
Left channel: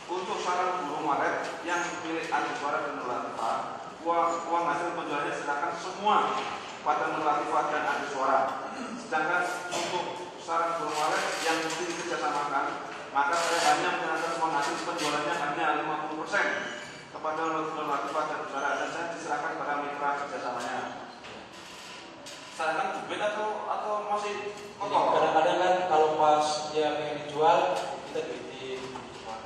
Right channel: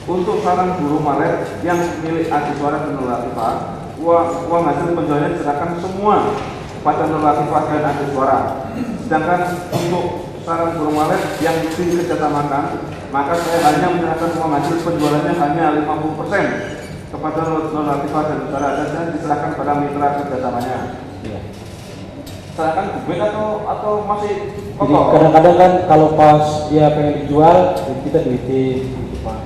Untuk sarang burung walet yang milik adik suara dan Nur Latifah, uang hasil penjualannya diserahkan semua kepada Nur Latifah dan adik suara. Sedangkan untuk sarang burung walet yang dikerjasamakan, maka saya hanya menyerahkan uang hasil penjualannya hanya 50% kepada Nur Latifah dan saudara, dan diserahkan pada mitra kerjasamanya. Iya. Serahkan duit atau masih Jadi pokok? kadang-kadang kan kalau pas dia pengen dijual, kita duitin gitu Pak.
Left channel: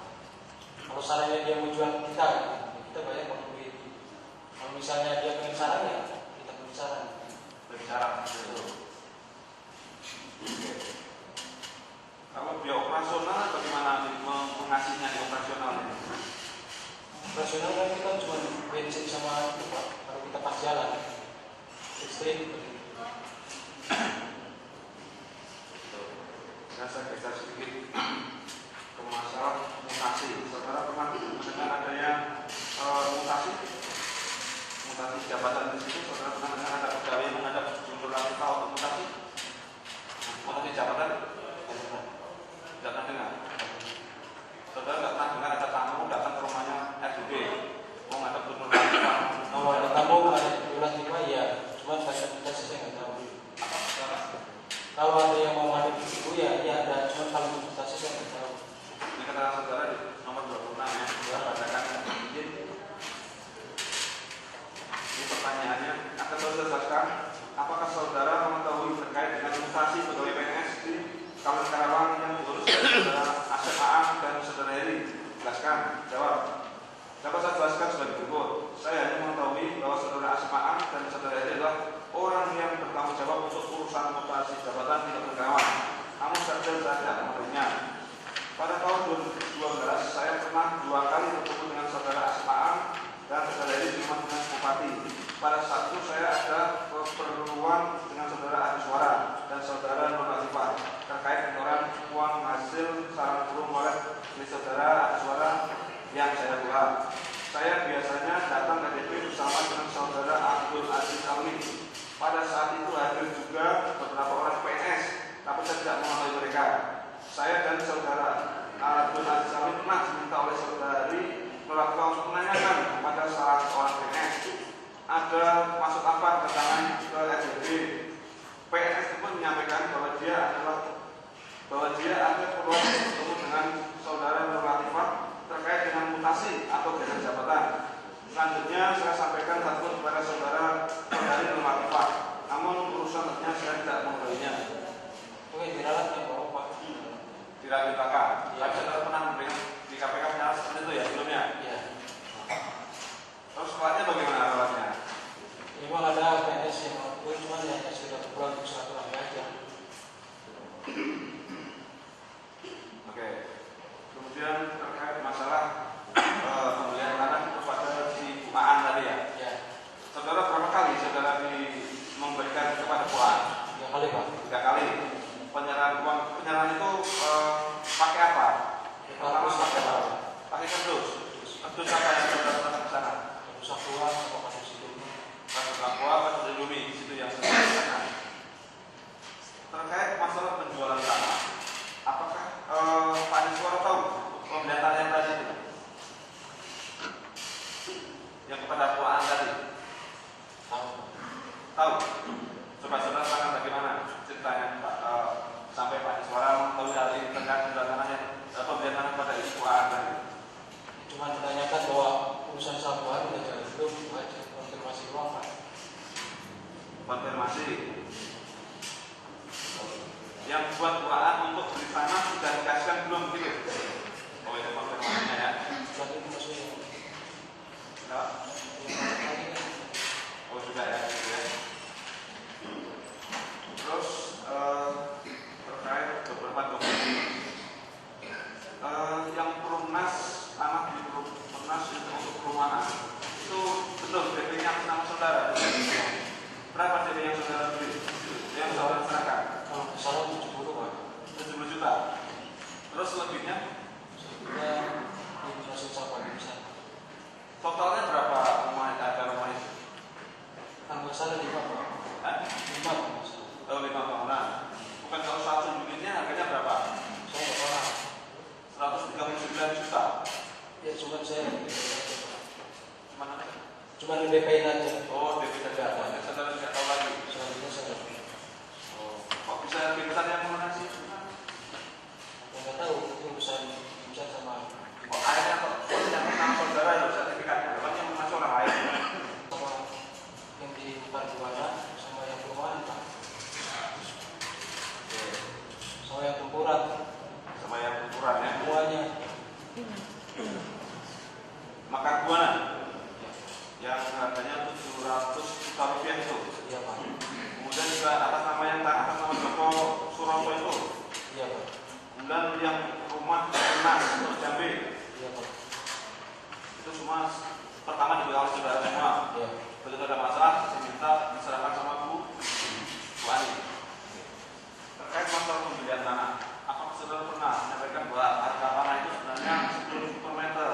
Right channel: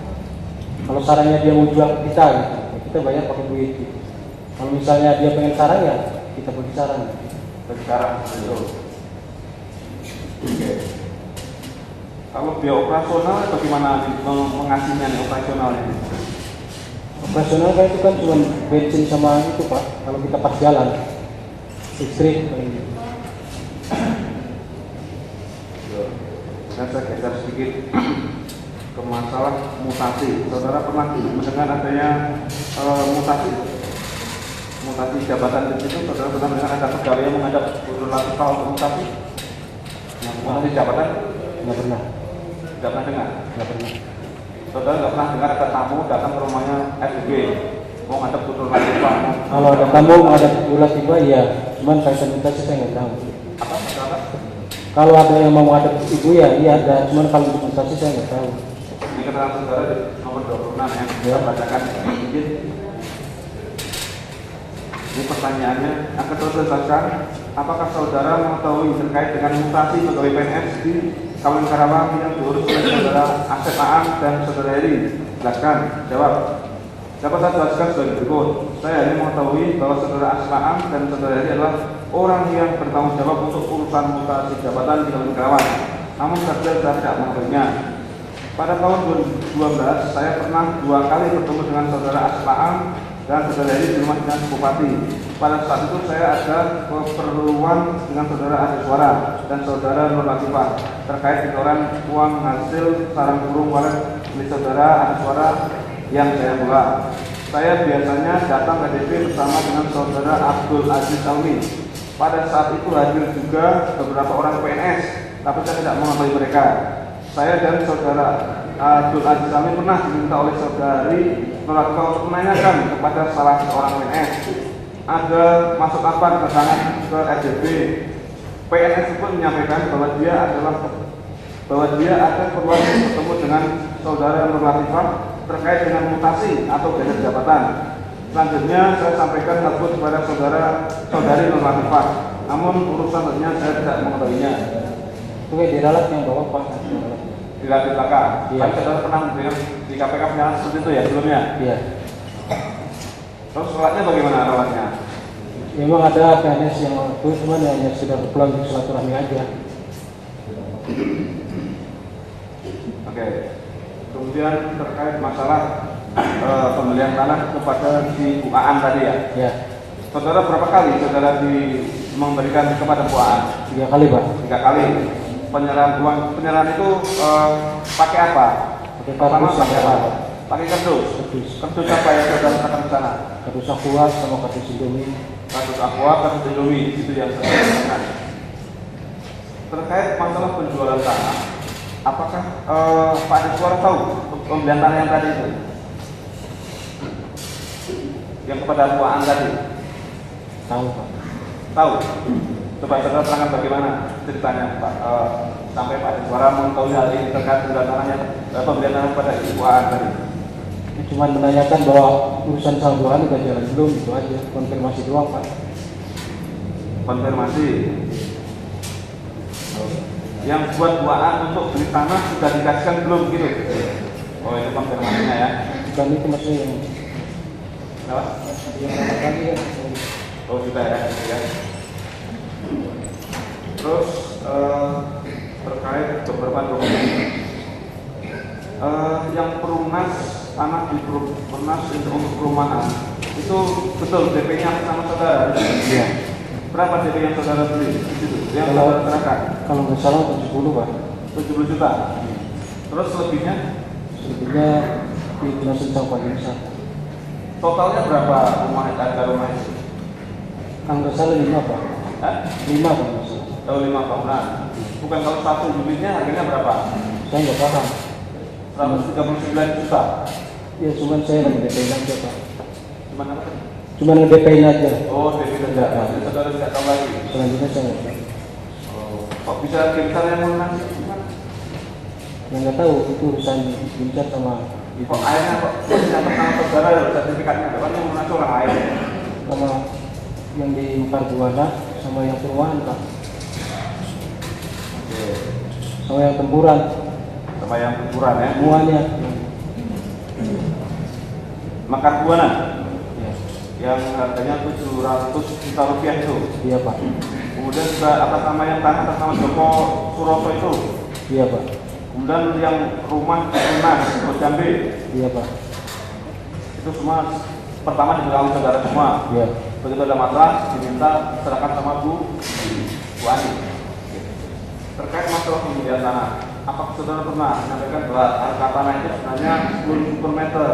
Kalau sarannya dia mau jual ke kita, gitu, kita banyak pakai duit. Gitu. Kalau misalnya dia pengen sarang ya, kita bagi sarang. Bagi sarang, betul. Oke. Kalau biaya operasional bagaimana mengasihnya nih operasionalnya? Operasional kan itu kan cuma bensin sama itu Pak. Kalau kita pas jalan, listrik. Nah, saya geser sedikit ke masalah mutasi. Saudara pernah mendengar adanya mutasi jabatan di situ? Saudara pernah mendengar ada pegawai yang menghadap Nur Latifah untuk mutasi? Mutasi jabatan? Nggak pernah. Tidak pernah dengar? Nggak pernah. Saudara nggak pernah dengar ada tamu datang ke rumahnya SB mau ngadep Nur Latifah? Kalau ada tamu ada bulat tiba ya, cuman kaitan mutasi saya nggak tahu. Apa? Kalau ada yang mau ada ibu ya, iya ada, cuman kalau mutasi saya nggak tahu. Ini keterangan saudara di nomor 26 ya. Kita bacakan sedikit. Ini pertanyaannya, akan terus jelaskan, apakah saudara mengetahui terkait dengan mutasi pegawai PNS di Kabupaten Karawang yang diurus oleh saudara Asep Aan dan saudara Heri? Jelaskan. Jawab. Dapat saya jelaskan sebagai berikut. Saya hanya mengetahui bahwa saudara Asep Aan dan saudara Heri adalah orang yang bertanggung jawab untuk urusan mutasi jabatan di Kabupaten Karawang. Namun saja saya tidak mengetahuinya. Pada tahun 2012, saya pernah 2 kali bertemu dengan saudara Asep Aan dan saudara Heri di rumah dinas Bupati. Pada saat itu saya ada keperluan dengan saudara Adi Suara dan saudara Nur Latifah terkait setoran uang hasil sarang burung walet milik saudara Adi Suara yang saya kelola. Saya biasanya datang ke DP bersama dengan saudara Abdul Aziz Almi. Pada saat itu hadir juga beberapa orang PNS, tapi saya tidak mengetahui mereka. Saya dan saudara Abdul Aziz Almi pernah diminta oleh saudari Nur Latifah untuk menanyakan kepada salah seorang PNS ada masuk apa kedatangan ke RDP. PNS itu pun menyampaikan bahwa dia ada perlu bertemu dengan saudara Nur Latifah terkait dengan mutasi atau geser jabatan. Selanjutnya saya sampaikan tersebut kepada saudari Nur Latifah. Namun urusan lainnya saya tidak mengetahuinya. Oke, diralat yang bawa Pak. Tidak di belakang. Iya. Tapi saudara pernah dengan di KPK pernah seperti itu ya sebelumnya. Iya. Terus sholatnya bagaimana rawatnya? Memang ada PNS yang itu cuma hanya sudah pulang untuk silaturahmi aja. Oke. Kemudian terkait masalah pembelian tanah kepada si Bu Aan tadi ya. Ya. Saudara berapa kali saudara memberikan kepada Bu Aan? 3 kali Pak. 3 kali. Penyerahan itu pakai apa? Pakai Pertama kardus pakai sama apa? Pakai kardus. kardus. Kardus apa yang saudara letakkan di sana? Kardus aqua sama kardus Indomie. Kardus aqua, kardus Indomie, itu yang saya letakkan. Terkait masalah penjualan tanah, apakah Pak Deswar tahu pembelian tanah yang tadi itu? Yang kepada Bu Aan tadi? Tahu Pak. Tahu? Coba saudara terangkan bagaimana ceritanya Pak, sampai Pak Deswar mengetahui hal ini terkait pembelian tanah kepada Ibu Aan tadi. Cuma menanyakan bahwa urusan saldoan udah jalan belum, itu aja, konfirmasi doang Pak. Konfirmasi. Yang buat Bu Aan untuk beli tanah sudah dikasihkan belum gitu? Oh itu konfirmasinya ya. Dan itu maksudnya yang Kenapa? tadi kan. Oh sudah ya, ya. Terus terkait beberapa dokumen yang perunas tanah di perunas untuk perumahan itu betul DP-nya sama saudara. Iya. Berapa jadi yang saudara beli? Yang Kalau- saudara serahkan? Kalau nggak salah 70 Pak. 70 juta. Terus lebihnya? Sebetulnya di Nusa Tenggara. Totalnya berapa rumah harga rumah itu? Kalau nggak salah 5 Pak. Hah? 5 Pak nggak salah. Oh, 5 bangunan. Bukan kalau satu unitnya harganya berapa? Saya nggak paham. 139 juta. Ya cuman saya nge-DP-in aja Pak. Gimana? Cuman nge-DP-in aja. Oh, DP saja. Jadi saudara tidak tahu lagi. Selanjutnya saya nggak tahu. Oh, kok bisa besar yang melunasi? Gimana? Yang nggak tahu itu urusan Bincar sama Kok airnya kok catat nama saudara ya sertifikatnya? Kan yang melunasi orang air. sama yang di Mekar Buana sama yang perumahan Pak. Oke. Sama yang tempuran Sama yang ukuran ya. semuanya. Makan Buana Ya. yang harganya 700 juta rupiah itu. Iya Pak. Kemudian juga atas nama yang tanah atas nama Joko Suroso itu. Iya Pak. Kemudian yang rumah Enas Jambi Iya Pak. itu semua pertama dibilang saudara semua. Iya. Begitu ada masalah diminta serahkan sama Bu Ani. Terkait masalah pembelian tanah, apakah saudara pernah menyampaikan bahwa harga tanah itu sebenarnya 10.000 per meter?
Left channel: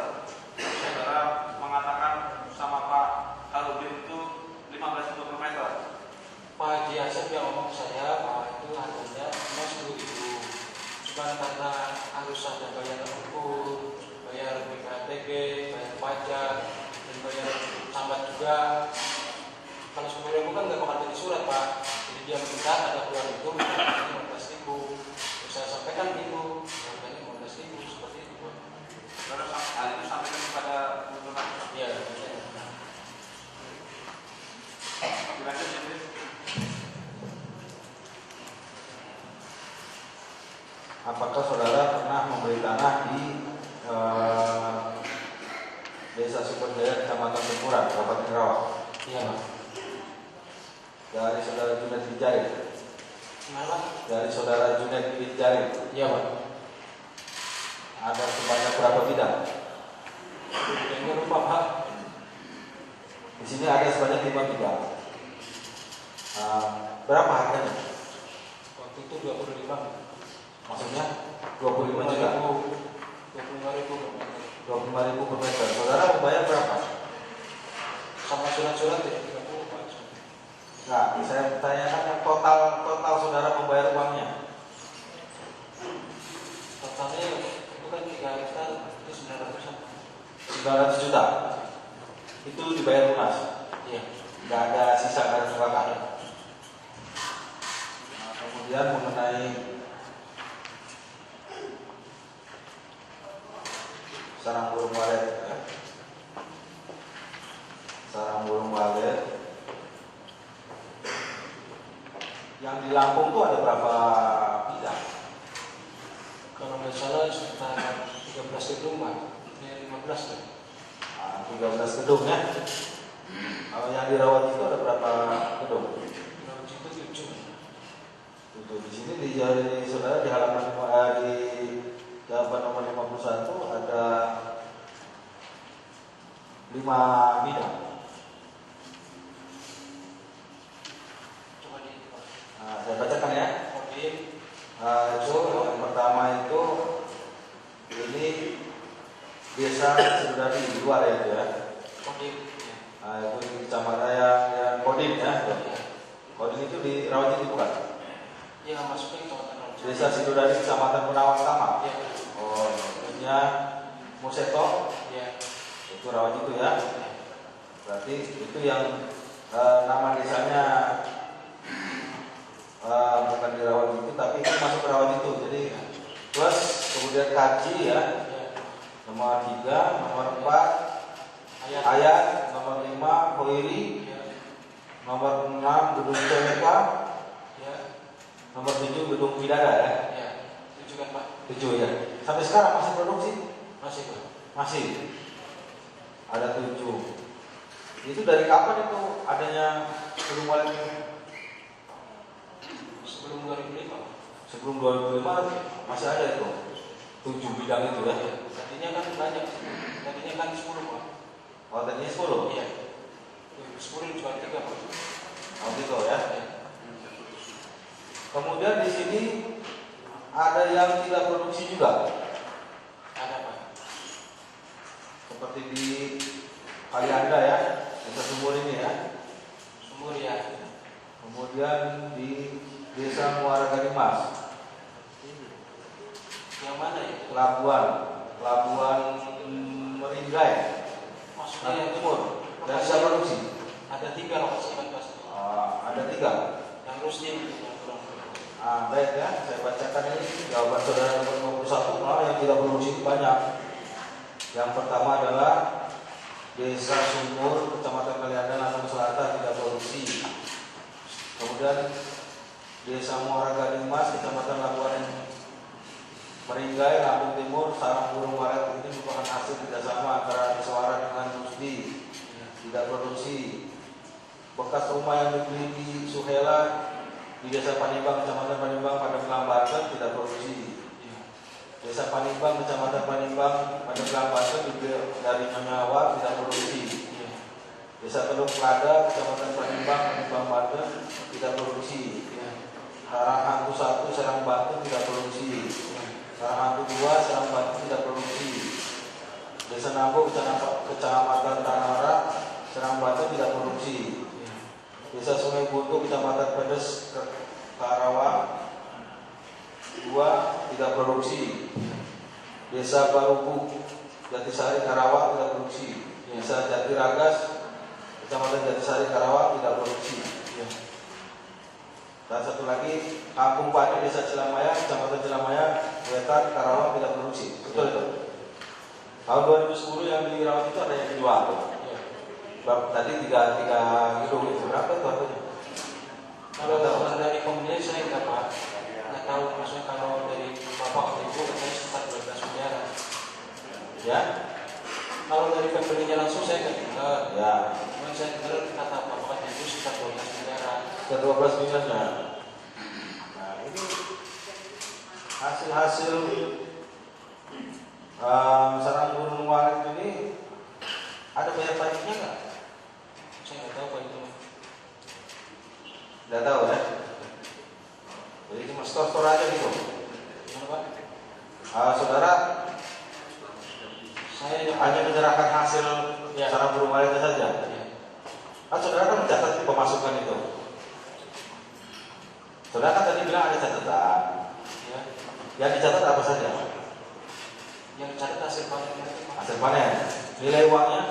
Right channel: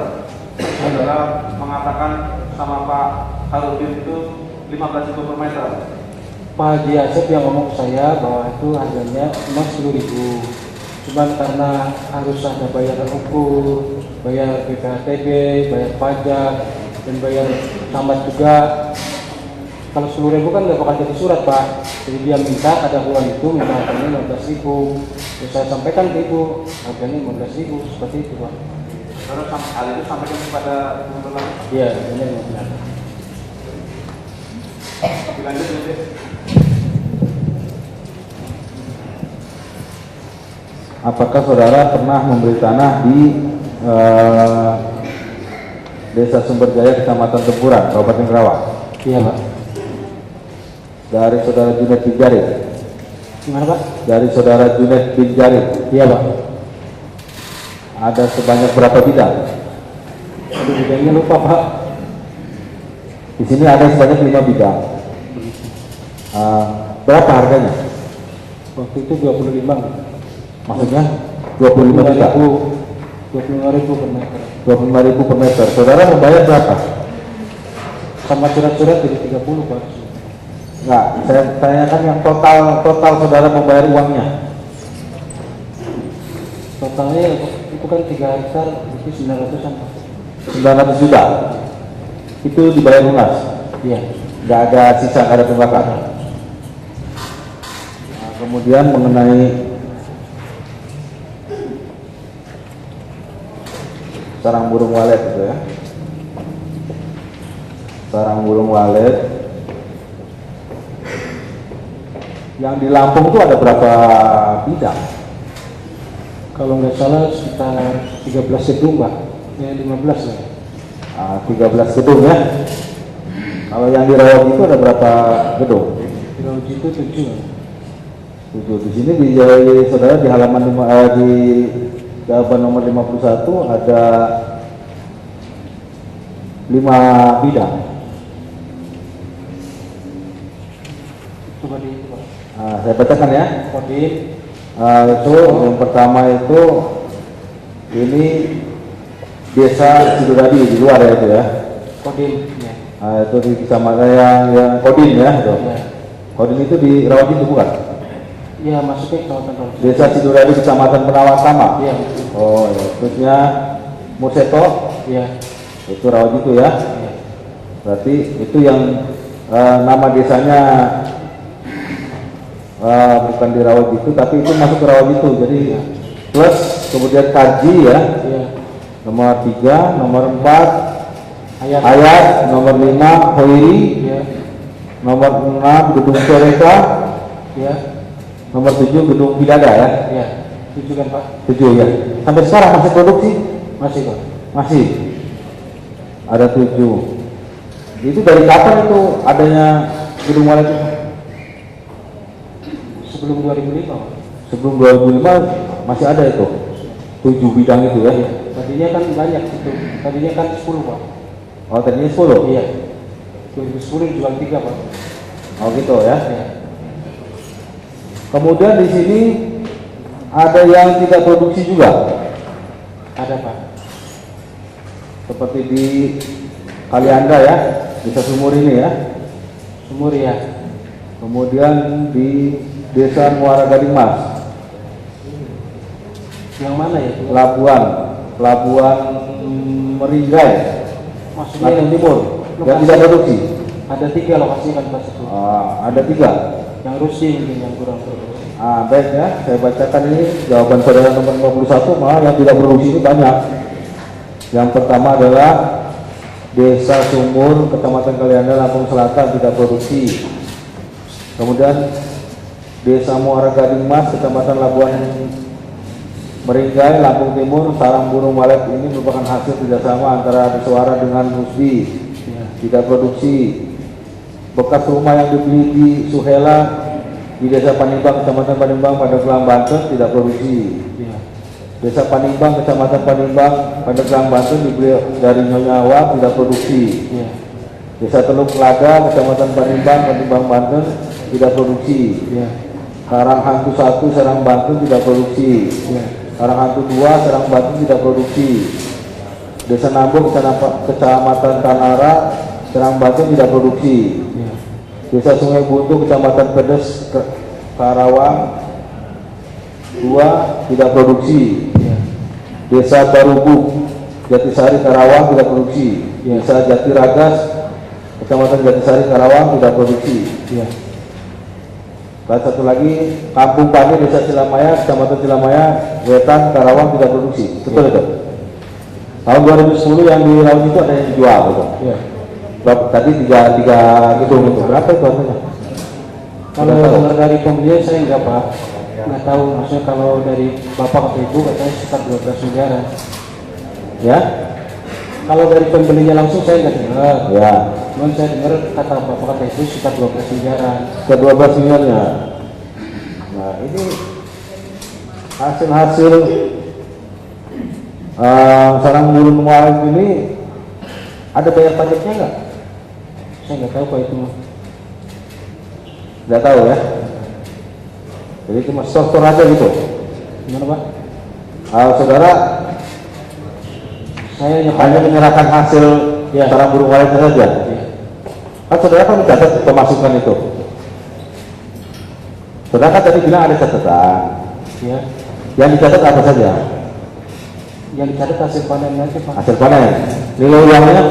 Saudara mengatakan sama Pak Harudin itu 15.000 per meter. Pak Haji Asep yang ngomong ke saya bahwa itu harganya cuma 10.000. Cuman karena harus ada bayar ukur, bayar BPHTB, bayar pajak, dan bayar tamat juga. Kalau 10.000 kan nggak bakal jadi surat Pak. Jadi dia minta ada uang itu, minta harganya 15.000. Terus saya sampaikan ke Ibu, harganya 15.000 seperti itu Pak. Terus hal itu sampaikan kepada teman-teman. Iya, benar benar. Dilanjut ya, Dek. Apakah saudara pernah membeli tanah di Desa Sumberjaya, Kecamatan Tempuran, Kabupaten Kerawang? Iya Pak. Dari saudara Junet bin Jari. Gimana Pak? Dari saudara Junet bin Jari. Iya Pak. Ada sebanyak berapa bidang? Aduh, bidangnya lupa Pak. Di sini ada sebanyak 5 bidang. Berapa harganya? Waktu itu 25. Maksudnya 25 juta. 25.000 per meter. 25.000 per meter. Saudara membayar berapa? Sama surat-surat jadi 30 Pak. Enggak, saya tanyakan yang total saudara membayar uangnya. Totalnya itu kan 3 hektar itu 900-an Pak. 900 juta. Itu dibayar lunas. Iya. Nggak ada sisa, nggak ada tunggakan. Nah, kemudian mengenai sarang burung walet itu ya. Sarang burung walet yang di Lampung itu ada berapa bidang? Kalau nggak salah sekitar 13 gedung Pak. Ya 15 lah. 13 gedung ya. Kalau yang di Rawat itu ada berapa gedung? Di Laut itu 7. 7. Di sini di saudara di halaman di jawaban nomor 51 ada 5 bidang. Coba di itu Pak. Saya bacakan ya. Kodim. Itu yang pertama itu ini Desa Siduradi di luar ya itu ya. Kodim. Ya. Itu di kecamatan yang Kodim ya. Itu. Ya. Kodim itu di Rawat itu bukan? Ya masuknya ke Kabupaten Rawat. Desa Siduradi Kecamatan Penawar Tama. Iya. Oh, ya. Terusnya Murseto Iya. itu Rawat itu ya. Iya. Berarti itu yang nama desanya bukan di Rawat itu, tapi itu masuk ke Rawat itu. Jadi plus kemudian Kaji ya. Iya. Nomor 3, nomor 4 Ayat. Ayat, nomor 5 Hoiri, Iya. nomor 6 Gedung Soreka, Iya. nomor 7 Gedung Bidada ya. Iya. 7 kan Pak? 7 ya. Sampai sekarang masih produksi? Masih Pak. Masih. Ada 7. Itu dari kapan itu adanya Gedung Walet itu? Sebelum 2005 Pak. Sebelum 2005 masih ada itu. 7 bidang itu ya. Iya. Tadinya kan banyak itu. Tadinya kan 10 Pak. Oh, tadinya 10. Iya. 2010 dijual 3 Pak. Oh, Oh gitu ya. Ya. Kemudian di sini ada yang tidak produksi juga, Ada Pak. seperti di Kalianda ya, desa Sumur ini ya. Sumur ya. Kemudian di desa Muara Gading Mas, Yang mana ya? Pelabuhan Meringgai, Maksudnya Lampung yang Timur, yang lokasi- tidak produksi. Ada 3 lokasi kan Pak itu. Ada 3. Yang Rusi mungkin yang kurang produksi. Baik ya, saya bacakan ini jawaban saudara nomor 51, malah yang tidak produksi itu banyak. Yang pertama adalah Desa Sumur, Kecamatan Kalianda, Lampung Selatan tidak produksi. Kemudian Desa Muara Gading Mas, Kecamatan Labuan Meringgai, Lampung Timur, sarang burung walet ini merupakan hasil kerjasama antara Suara dengan Rusdi, Ya. tidak produksi. Bekas rumah yang dibeli di Suhela di Desa Panimbang, Kecamatan Panimbang, Pandeglang, Banten tidak produksi. Ya. Desa Panimbang, Kecamatan Panimbang, Pandeglang, Banten dibeli dari Nyonya Awak tidak produksi. Ya. Desa Teluk Lada, Kecamatan Panimbang, Banten tidak produksi. Ya. Karang Hantu 1, Serang Banten tidak produksi. Ya. Karang Hantu 2, Serang Banten tidak produksi. Desa Nambo, Kecamatan Tanara, Serang Banten tidak produksi. Ya. Desa Sungai Buntu, Kecamatan Pedes, Karawang 2 tidak produksi. Ya. Desa Barubuk, Jatisari, Karawang tidak produksi. Ya. Desa Jatiragas, Kecamatan Jatisari, Karawang tidak produksi. Ya. Dan satu lagi Kampung Pani, Desa Cilamaya, Kecamatan Cilamaya, Wetan, Karawang tidak produksi. Betul itu. Tahun 2010 yang di laut itu ada yang dijual, betul. Ya. Tadi tiga gedung itu berapa itu harganya? Kalau dengar dari pembelian saya enggak Pak, nggak tahu. Maksudnya kalau dari bapak atau ibu katanya sekitar 12 miliaran. Ya, Kalau dari pembelinya langsung saya nggak dengar. ya. Cuman saya dengar kata bapak kata ibu sekitar 12 miliaran. Ke 12 miliarnya. Nah ini hasil sarang burung walet ini ada bayar pajaknya nggak? Saya nggak tahu Pak itu. Nggak tahu ya. Jadi cuma store aja gitu. Gimana Pak? Saudara Saya hanya menyerahkan hasil Ya. sarang burung waletnya saja. Ya. Kan saudara kan mencatat pemasukan itu. Saudara kan tadi bilang ada catatan. Ya. Yang dicatat apa saja? Yang dicatat hasil panen nanti Pak. Hasil panen. Nilai uangnya,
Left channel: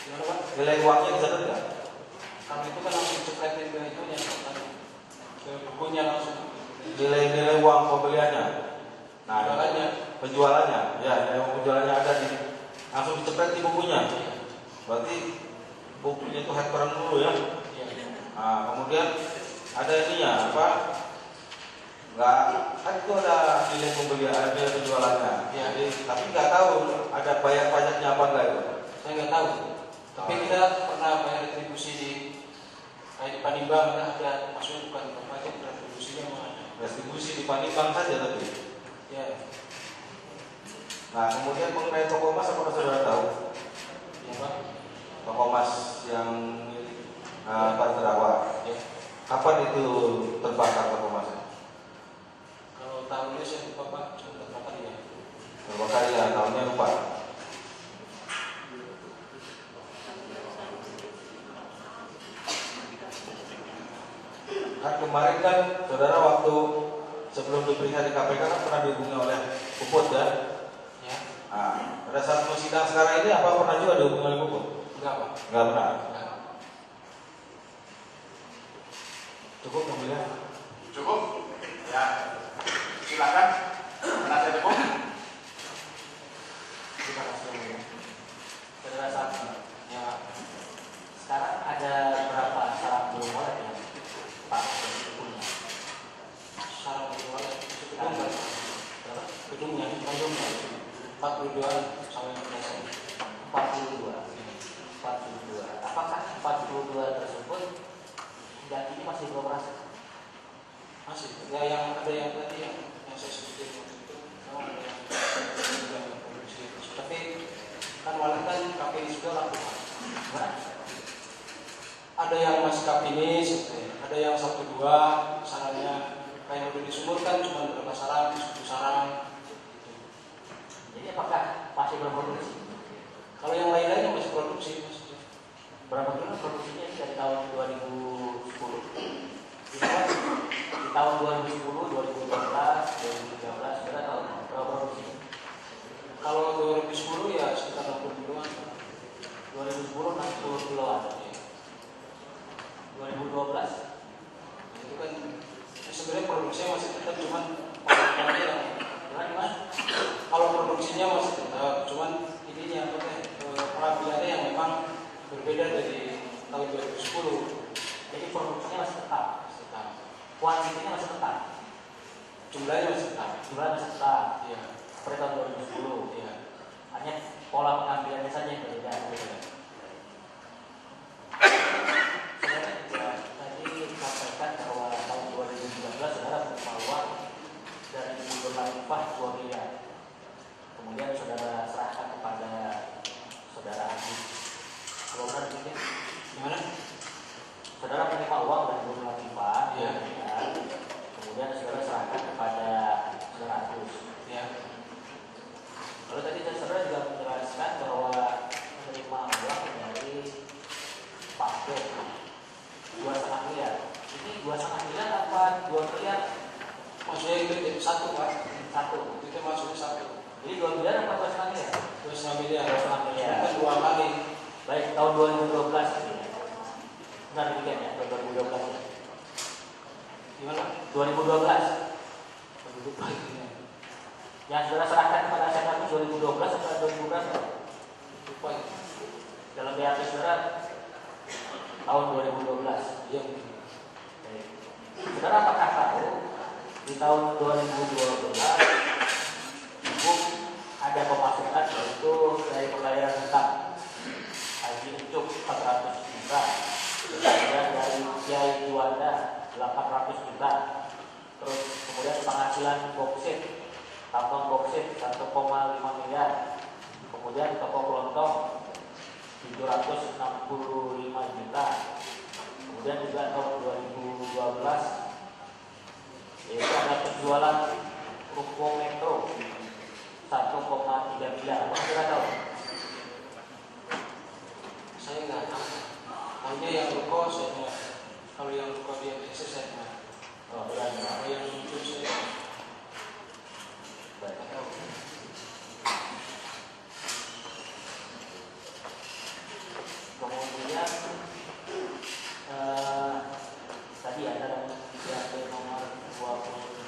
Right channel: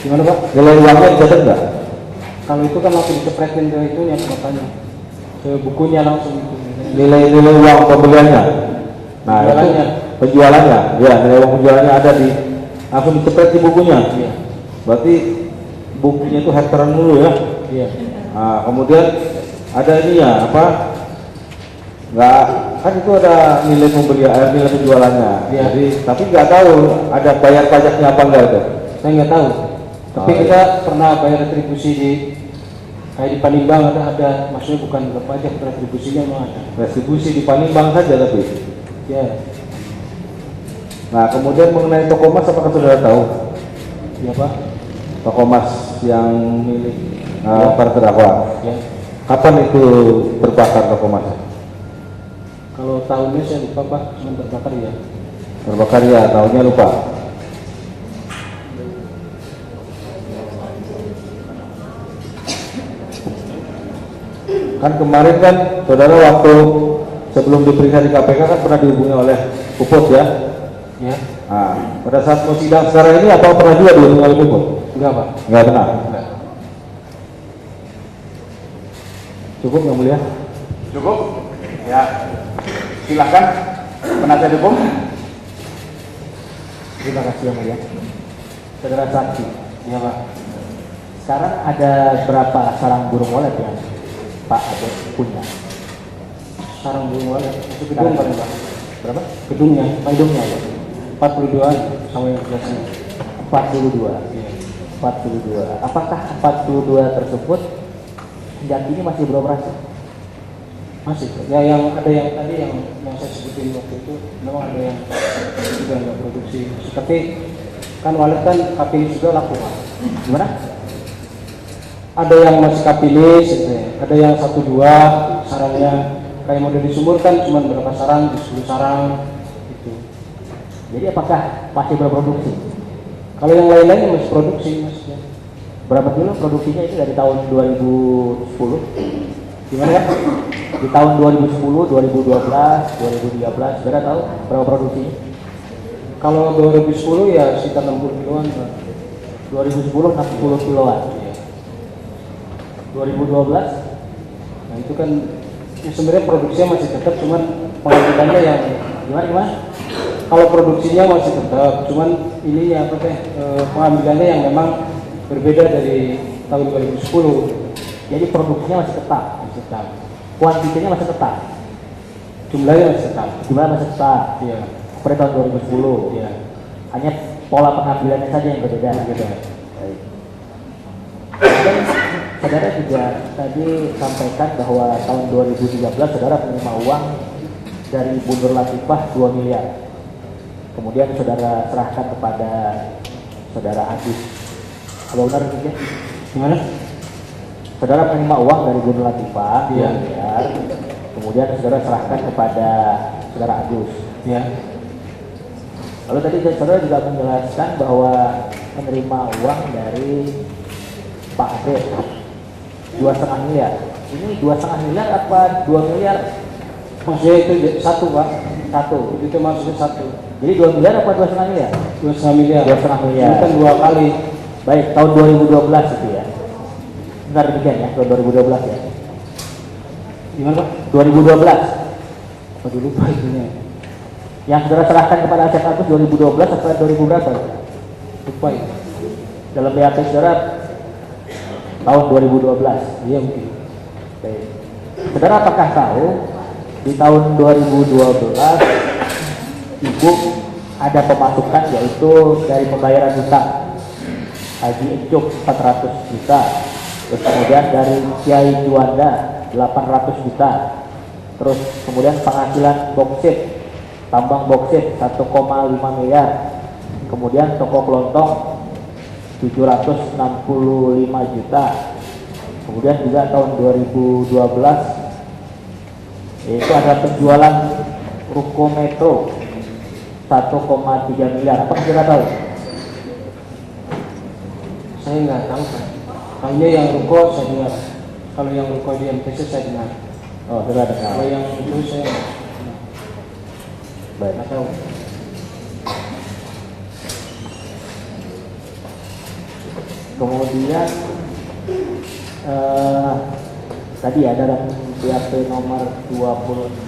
Gimana Pak? nilai uangnya dicatat nggak? Kalau itu kan langsung dicepretin ke itunya katanya. Ke bukunya langsung itu. Nilai uang pembeliannya. Nah, Penjualannya. itu penjualannya. Ya, nilai uang penjualannya ada di langsung dicepret di bukunya. Iya. Berarti bukunya itu hektaran dulu ya. Iya. Nah, kemudian ada ininya apa? Nggak, kan itu ada nilai pembelian, nilai penjualannya. Iya. Jadi, tapi nggak tahu ada bayar pajaknya apa enggak itu. Saya nggak tahu. Tapi Oh, kita pernah bayar retribusi di kayak di Panimbang ada maksudnya bukan berpajak, retribusinya memang ada. Retribusi di Panimbang saja tapi. Ya. Nah, kemudian mengenai toko emas apakah saudara tahu? Ya Pak. Toko emas yang milik Ya. para terdakwa. Ya. Kapan itu terbakar toko emas? Kalau tahunnya saya lupa Pak, cuma terbakar ya. Terbakar ya, tahunnya lupa. Kan kemarin kan saudara waktu sebelum diperiksa di KPK kan pernah dihubungi oleh Puput ya. Ya. Nah, pada saat mau sidang sekarang ini apa pernah juga dihubungi oleh Puput? Enggak Pak. Enggak pernah. Enggak. Cukup nggak mulia? Cukup? Ya. Silakan penasihat hukum. Terima kasih yang mulia. Saudara saksi, Ya Pak. sekarang ada berapa sarang burung walet yang Pak Abed punya? Sarang burung walet itu gedung kan Pak? Berapa? Gedungnya, Gedungnya ya? 42 sama yang biasanya. 42. Iya. 42. Apakah 42 tersebut hingga kini masih beroperasi? Masih. Ya yang ada yang tadi yang saya sebutin waktu itu memang ada yang sudah nggak produksi. Tapi kan walet kan KPI sudah laku Pak. Gimana? ada yang masih kapilis, gitu ya. Ada yang 1-2 sarangnya. Kayak model di sumur kan cuma berapa sarang, 10 sarang gitu. Jadi apakah masih berproduksi? Kalau yang lain-lain masih produksi maksudnya. Berapa dulu produksinya itu dari tahun 2010? Gimana Pak? Di tahun 2010, 2012, 2013, saudara tahu berapa produksinya? Kalau 2010 ya sekitar 60 kiloan Pak. 2010 60 kiloan. Iya. 2012 Nah itu kan ya sebenarnya produksinya masih tetap, cuman pengambilannya yang gimana? kalau produksinya masih tetap, cuman ini ya apa teh pengambilannya yang memang berbeda dari tahun 2010. Jadi produksinya masih tetap, kuantitinya masih tetap, Jumlahnya masih tetap. jumlah masih tetap Iya. seperti tahun 2010. Iya. Hanya pola pengambilannya saja yang berbeda. Berbeda. Baik. Dan saudara juga tadi sampaikan bahwa tahun 2013 saudara menerima uang dari Bu Nur Latifah 2 miliar. Kemudian saudara serahkan kepada saudara Agus. Apa benar demikian? Gimana? Saudara menerima uang dari Bu Nur Latifah 2 Iya. miliar. Kemudian saudara serahkan kepada saudara Agus. Ya. Lalu tadi saudara juga menjelaskan bahwa menerima uang dari Pak Ade 2,5 miliar. Ini 2,5 miliar apa 2 miliar? Maksudnya itu satu Pak. Satu. Itu maksudnya satu. Jadi 2 miliar apa 2,5 miliar? 2,5 miliar. 2,5 miliar. Ini kan 2 kali. Baik, tahun 2012 itu ya. Benar demikian ya, tahun 2012 ya. Gimana Pak? 2012. Aduh lupa itunya. Yang saudara serahkan kepada Asep Agus 2012 atau 2000 berapa? Lupa ya. Dalam BAP saudara tahun 2012. Iya mungkin. Baik. Saudara apakah tahu di tahun 2012 Ibu ada pemasukan yaitu dari pembayaran hutang Haji Encuk 400 juta, terus kemudian dari Kiai Juanda 800 juta, terus kemudian penghasilan boksit, tambang boksit 1,5 miliar, kemudian toko kelontong 765 juta, kemudian juga tahun 2012 itu ada penjualan ruko metro 1,3 miliar. Apa kita tahu? Saya nggak tahu Pak. Kayaknya yang ruko saya dengar. Kalau yang ruko di MTC saya dengar. Oh, sudah dengar. Kalau yang itu saya Baik. nggak tahu. Kemudian tadi ya dalam BAP nomor 26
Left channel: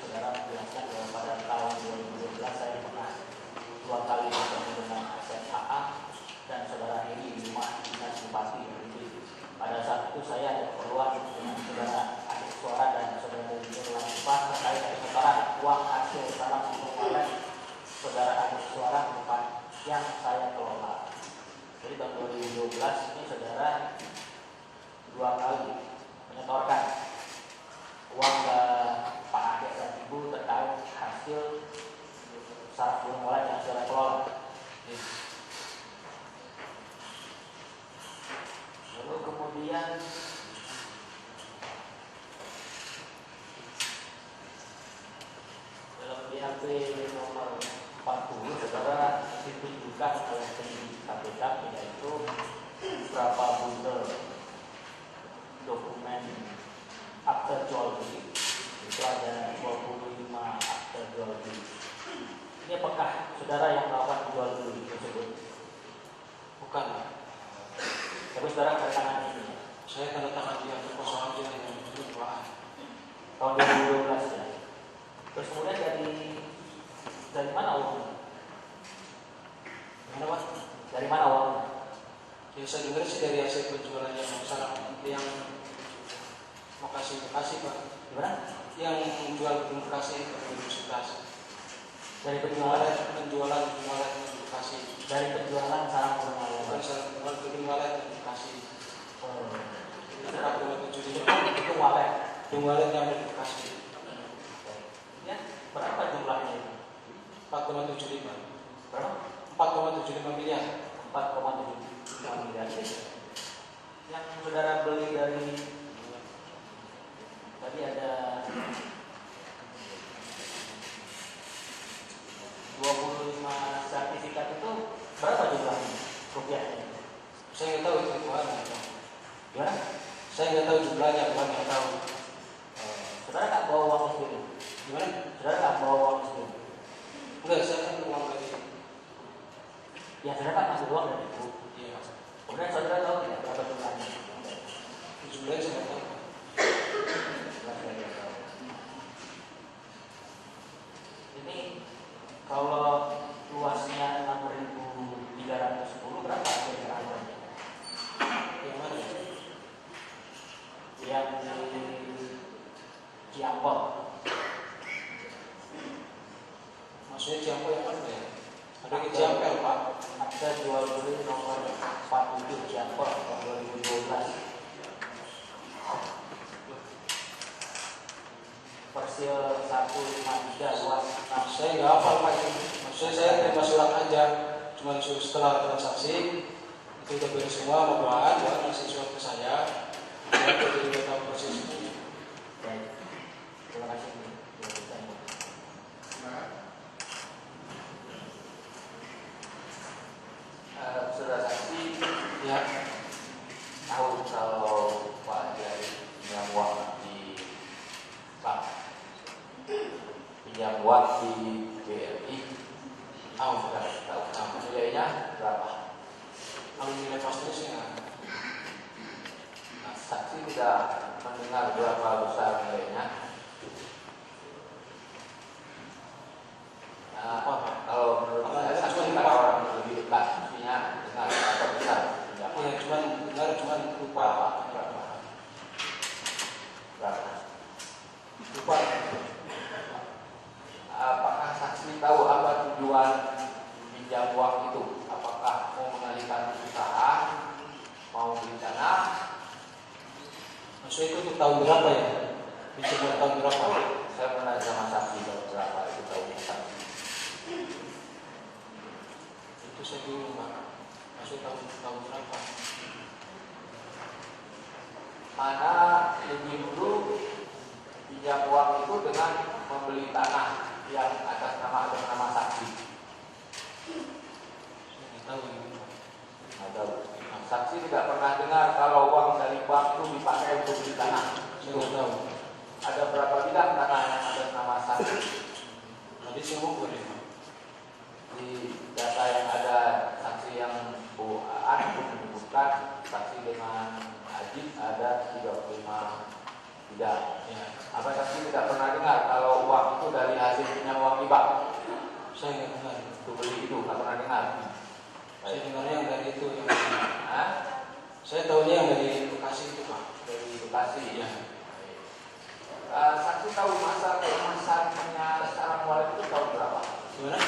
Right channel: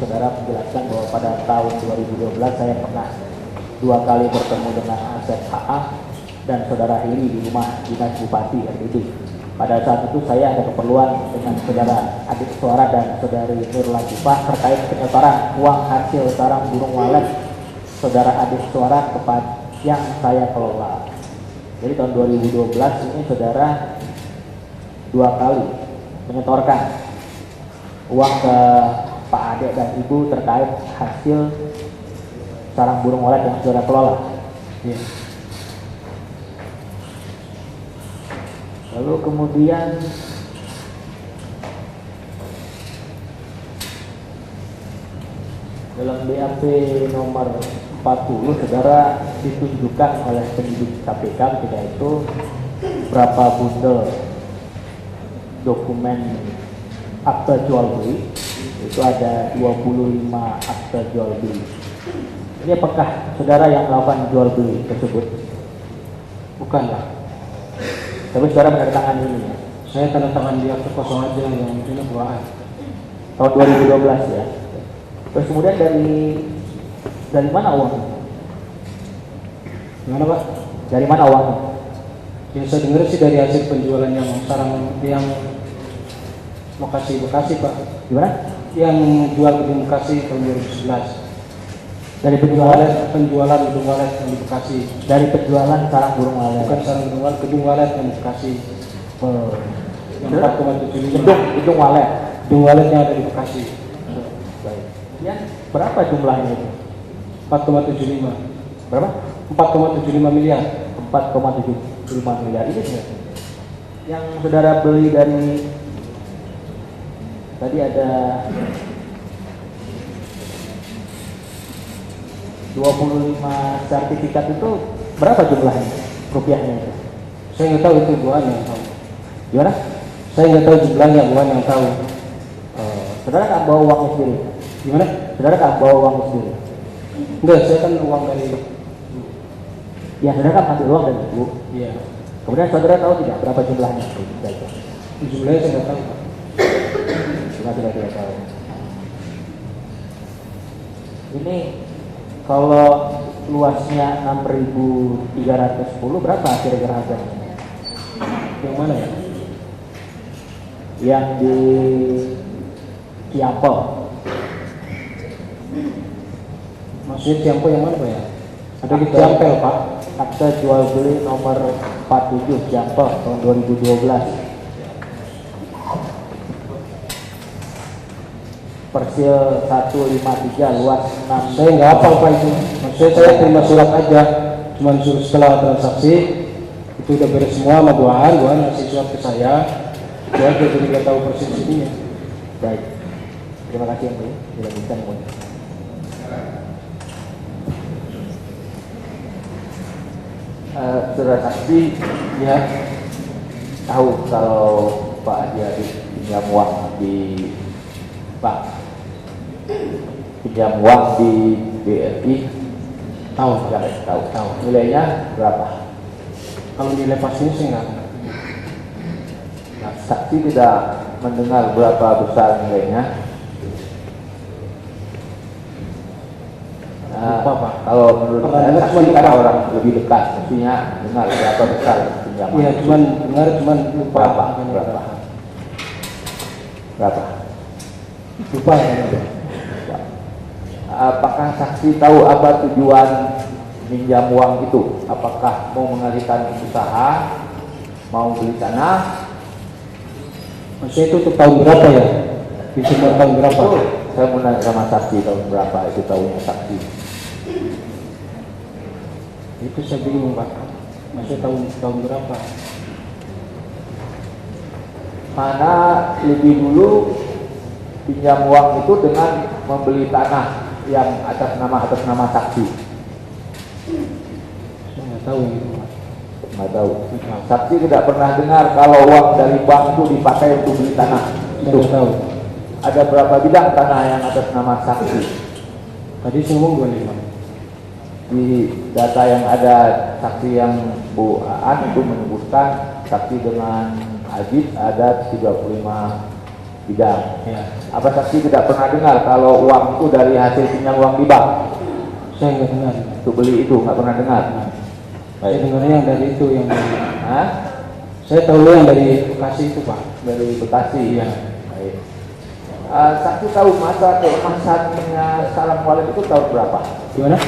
saudara menjelaskan bahwa pada tahun 2012 saya pernah 2 kali bertemu dengan Asep HA dan saudara Hiri di rumah dinas Bupati RID. Pada saat itu saya ada keperluan dengan saudara adik suara dan saudari Nur Latifah terkait penyetoran uang hasil sarang burung walet saudara adik suara kepada yang saya kelola. Jadi tahun 2012 ini saudara 2 kali menyetorkan uang ke Pak Ade dan Ibu terkait hasil sarang burung walet yang saudara kelola. Iya. Lalu kemudian dalam BAP nomor 40 saudara ditunjukkan oleh penyidik KPK ketika itu berapa bundel dokumen akte jual beli. Itu ada 25 akte jual beli. Ini apakah saudara yang melakukan jual beli tersebut? Bukan Pak. Tapi saudara menandatangani ini ya? Saya tanda tangan di akte kosong aja yang itu buaan. Tahun 2012 ya. Terus kemudian dari mana uangnya? Gimana Pak? Dari mana uangnya? Yang saya dengar sih dari hasil penjualan yang sarang yang lokasi Bekasi Pak. Gimana? Yang jual gedung Bekasi tahun 2011. Dari penjualan? Penjualan gedung walet yang di Bekasi. Dari penjualan sarang burung walet. Bukan sarang gedung walet yang di Bekasi. Oh. Yang 4,75. Gedung walet. Gedung walet yang ada di Bekasi. Baik. Ya, berapa jumlahnya itu? 4,75. Berapa? 4,75 miliar. 4,75 miliar ini ya. yang saudara beli dari tadi ada 25 sertifikat itu berapa jumlahnya rupiahnya itu? Saya nggak tahu, itu buan yang tahu. Gimana? Saya nggak tahu jumlahnya, buan yang tahu. Saudara nggak bawa uangnya sendiri? Gimana? Saudara nggak bawa uangnya sendiri? Enggak, saya kan uang dari. Ya, saudara kan masih uang dari ibu. Iya. Kemudian saudara tahu tidak berapa jumlahnya? Jumlahnya saya nggak tahu. Cuma sudah tidak tahu. Ini kalau luasnya 6.310 berapa kira-kira harganya? Yang mana ya? Yang di Ciampel. Maksudnya Ciampel yang mana Pak ya? Ada di Ciampel Pak. Akta jual beli nomor 47 Ciampel tahun 2012. Persil 153 luas 6. Saya nggak hafal Pak itu. Maksudnya saya terima surat aja. Cuman suruh setelah transaksi itu udah beres semua sama Buan ngasih surat ke saya. Saya jadi nggak tahu persis ininya. Baik. Terima kasih yang mulia. Dilanjutkan yang mulia. Saudara saksi Ya, tahu kalau Pak Haji Arif pinjam uang di Pak pinjam uang di BRI, tahu. nggak tahu. Tahu. Nilainya berapa? Kalau nilai pastinya saya nggak tahu. Nah, saksi tidak mendengar berapa besar nilainya. Lupa, Pak. Kalau menurut Pernah saya dengar saksi cuma kan lupa. orang lebih dekat, mestinya dengar berapa besar pinjaman. Iya, cuman dengar, cuman lupa. Berapa? Makanya Berapa? Berapa? Lupa. Apakah saksi tahu apa tujuan minjam uang itu? Apakah mau mengalihkan usaha, mau beli tanah? Maksudnya itu untuk tahun berapa ya? Bisa tahun berapa? Saya mau nanya sama saksi tahun berapa itu tahunya saksi. Itu saya bingung Pak. Maksudnya tahun berapa? Mana lebih dulu pinjam uang itu dengan membeli tanah yang atas nama saksi? Saya nggak tahu ini Pak. Nggak tahu. Saksi tidak pernah dengar kalau uang dari bank itu dipakai untuk beli tanah. Saya Itu nggak tahu. ada berapa bidang tanah yang atas nama saksi? Tadi saya ngomong 25. Di data yang ada saksi yang Bu Aan itu menyebutkan saksi dengan Ajit ada 35 bidang. Ya. Apa saksi tidak pernah dengar kalau uang itu dari hasil pinjam uang di bank? Saya nggak dengar. Untuk beli itu nggak pernah dengar. Saya dengarnya yang dari itu yang dari, Hah? saya tahu yang dari Bekasi itu Pak. Dari Bekasi. Iya. Baik. Saksi tahu masa keemasannya Salam Walid itu tahun berapa? Gimana?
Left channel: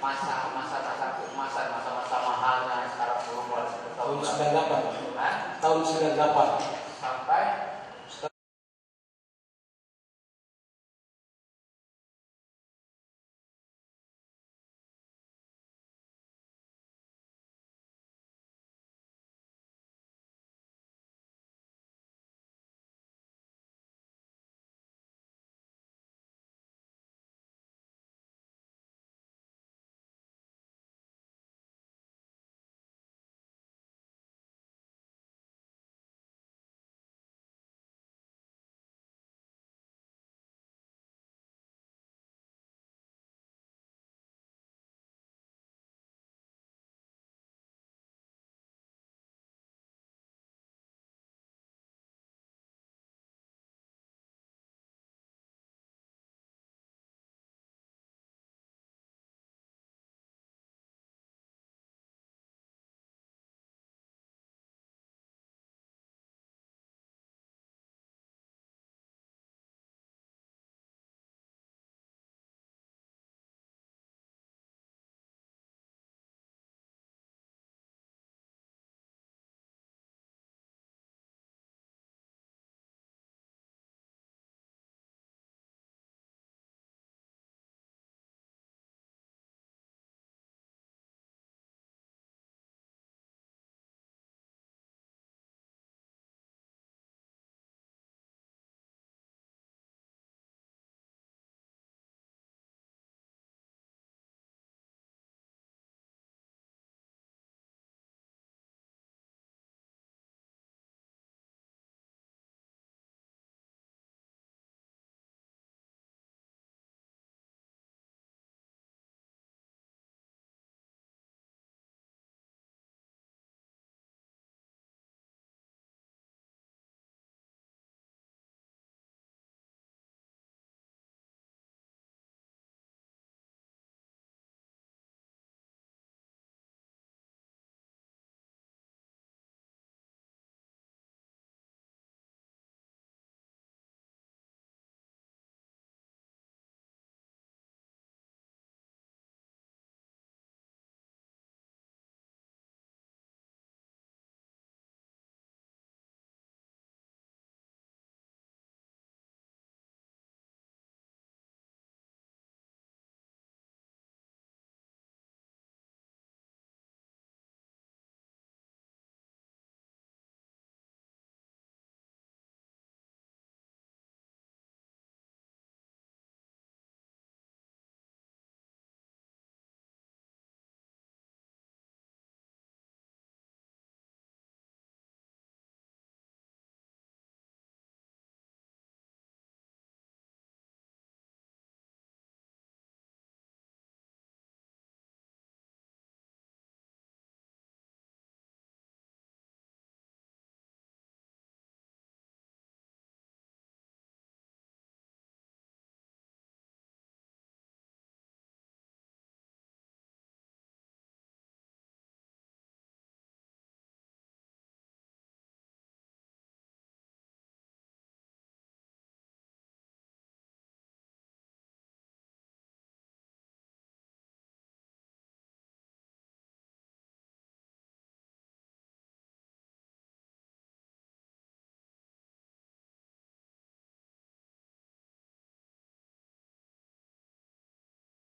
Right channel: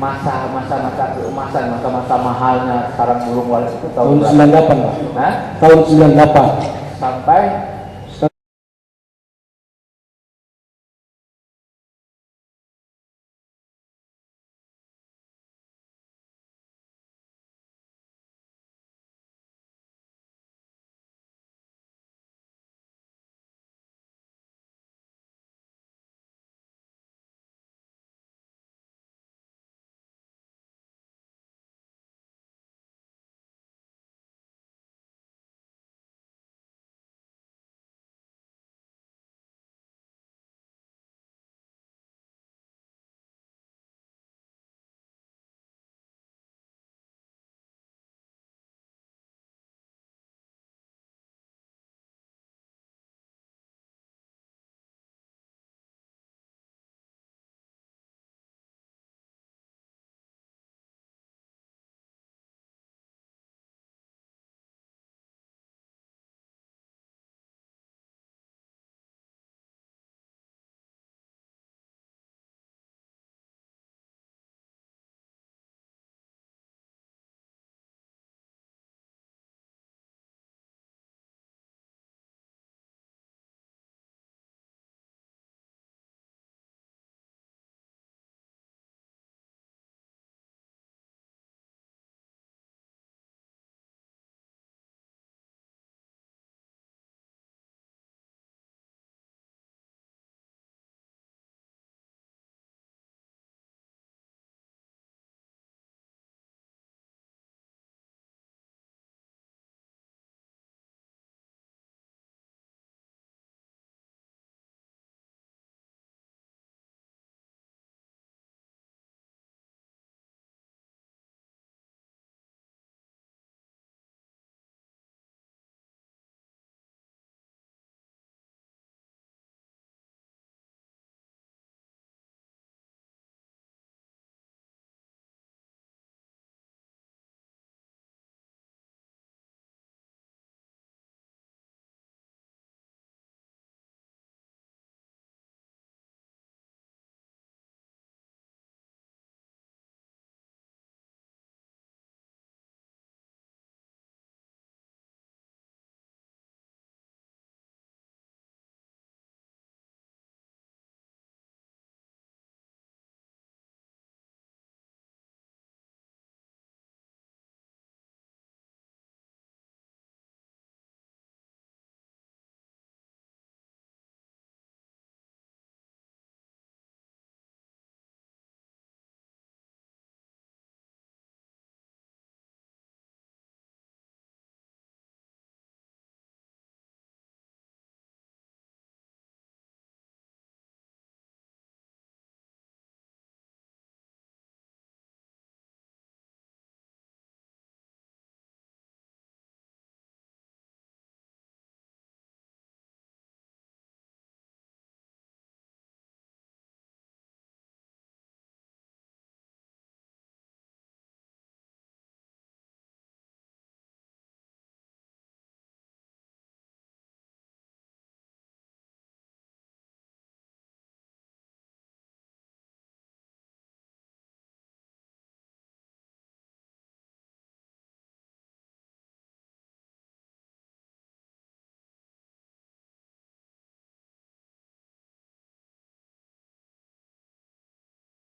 Masa keemasan, masa mahalnya sekarang burung Walid itu tahun Tahun berapa? 98 Pak. Hah? Tahun 98. Sampai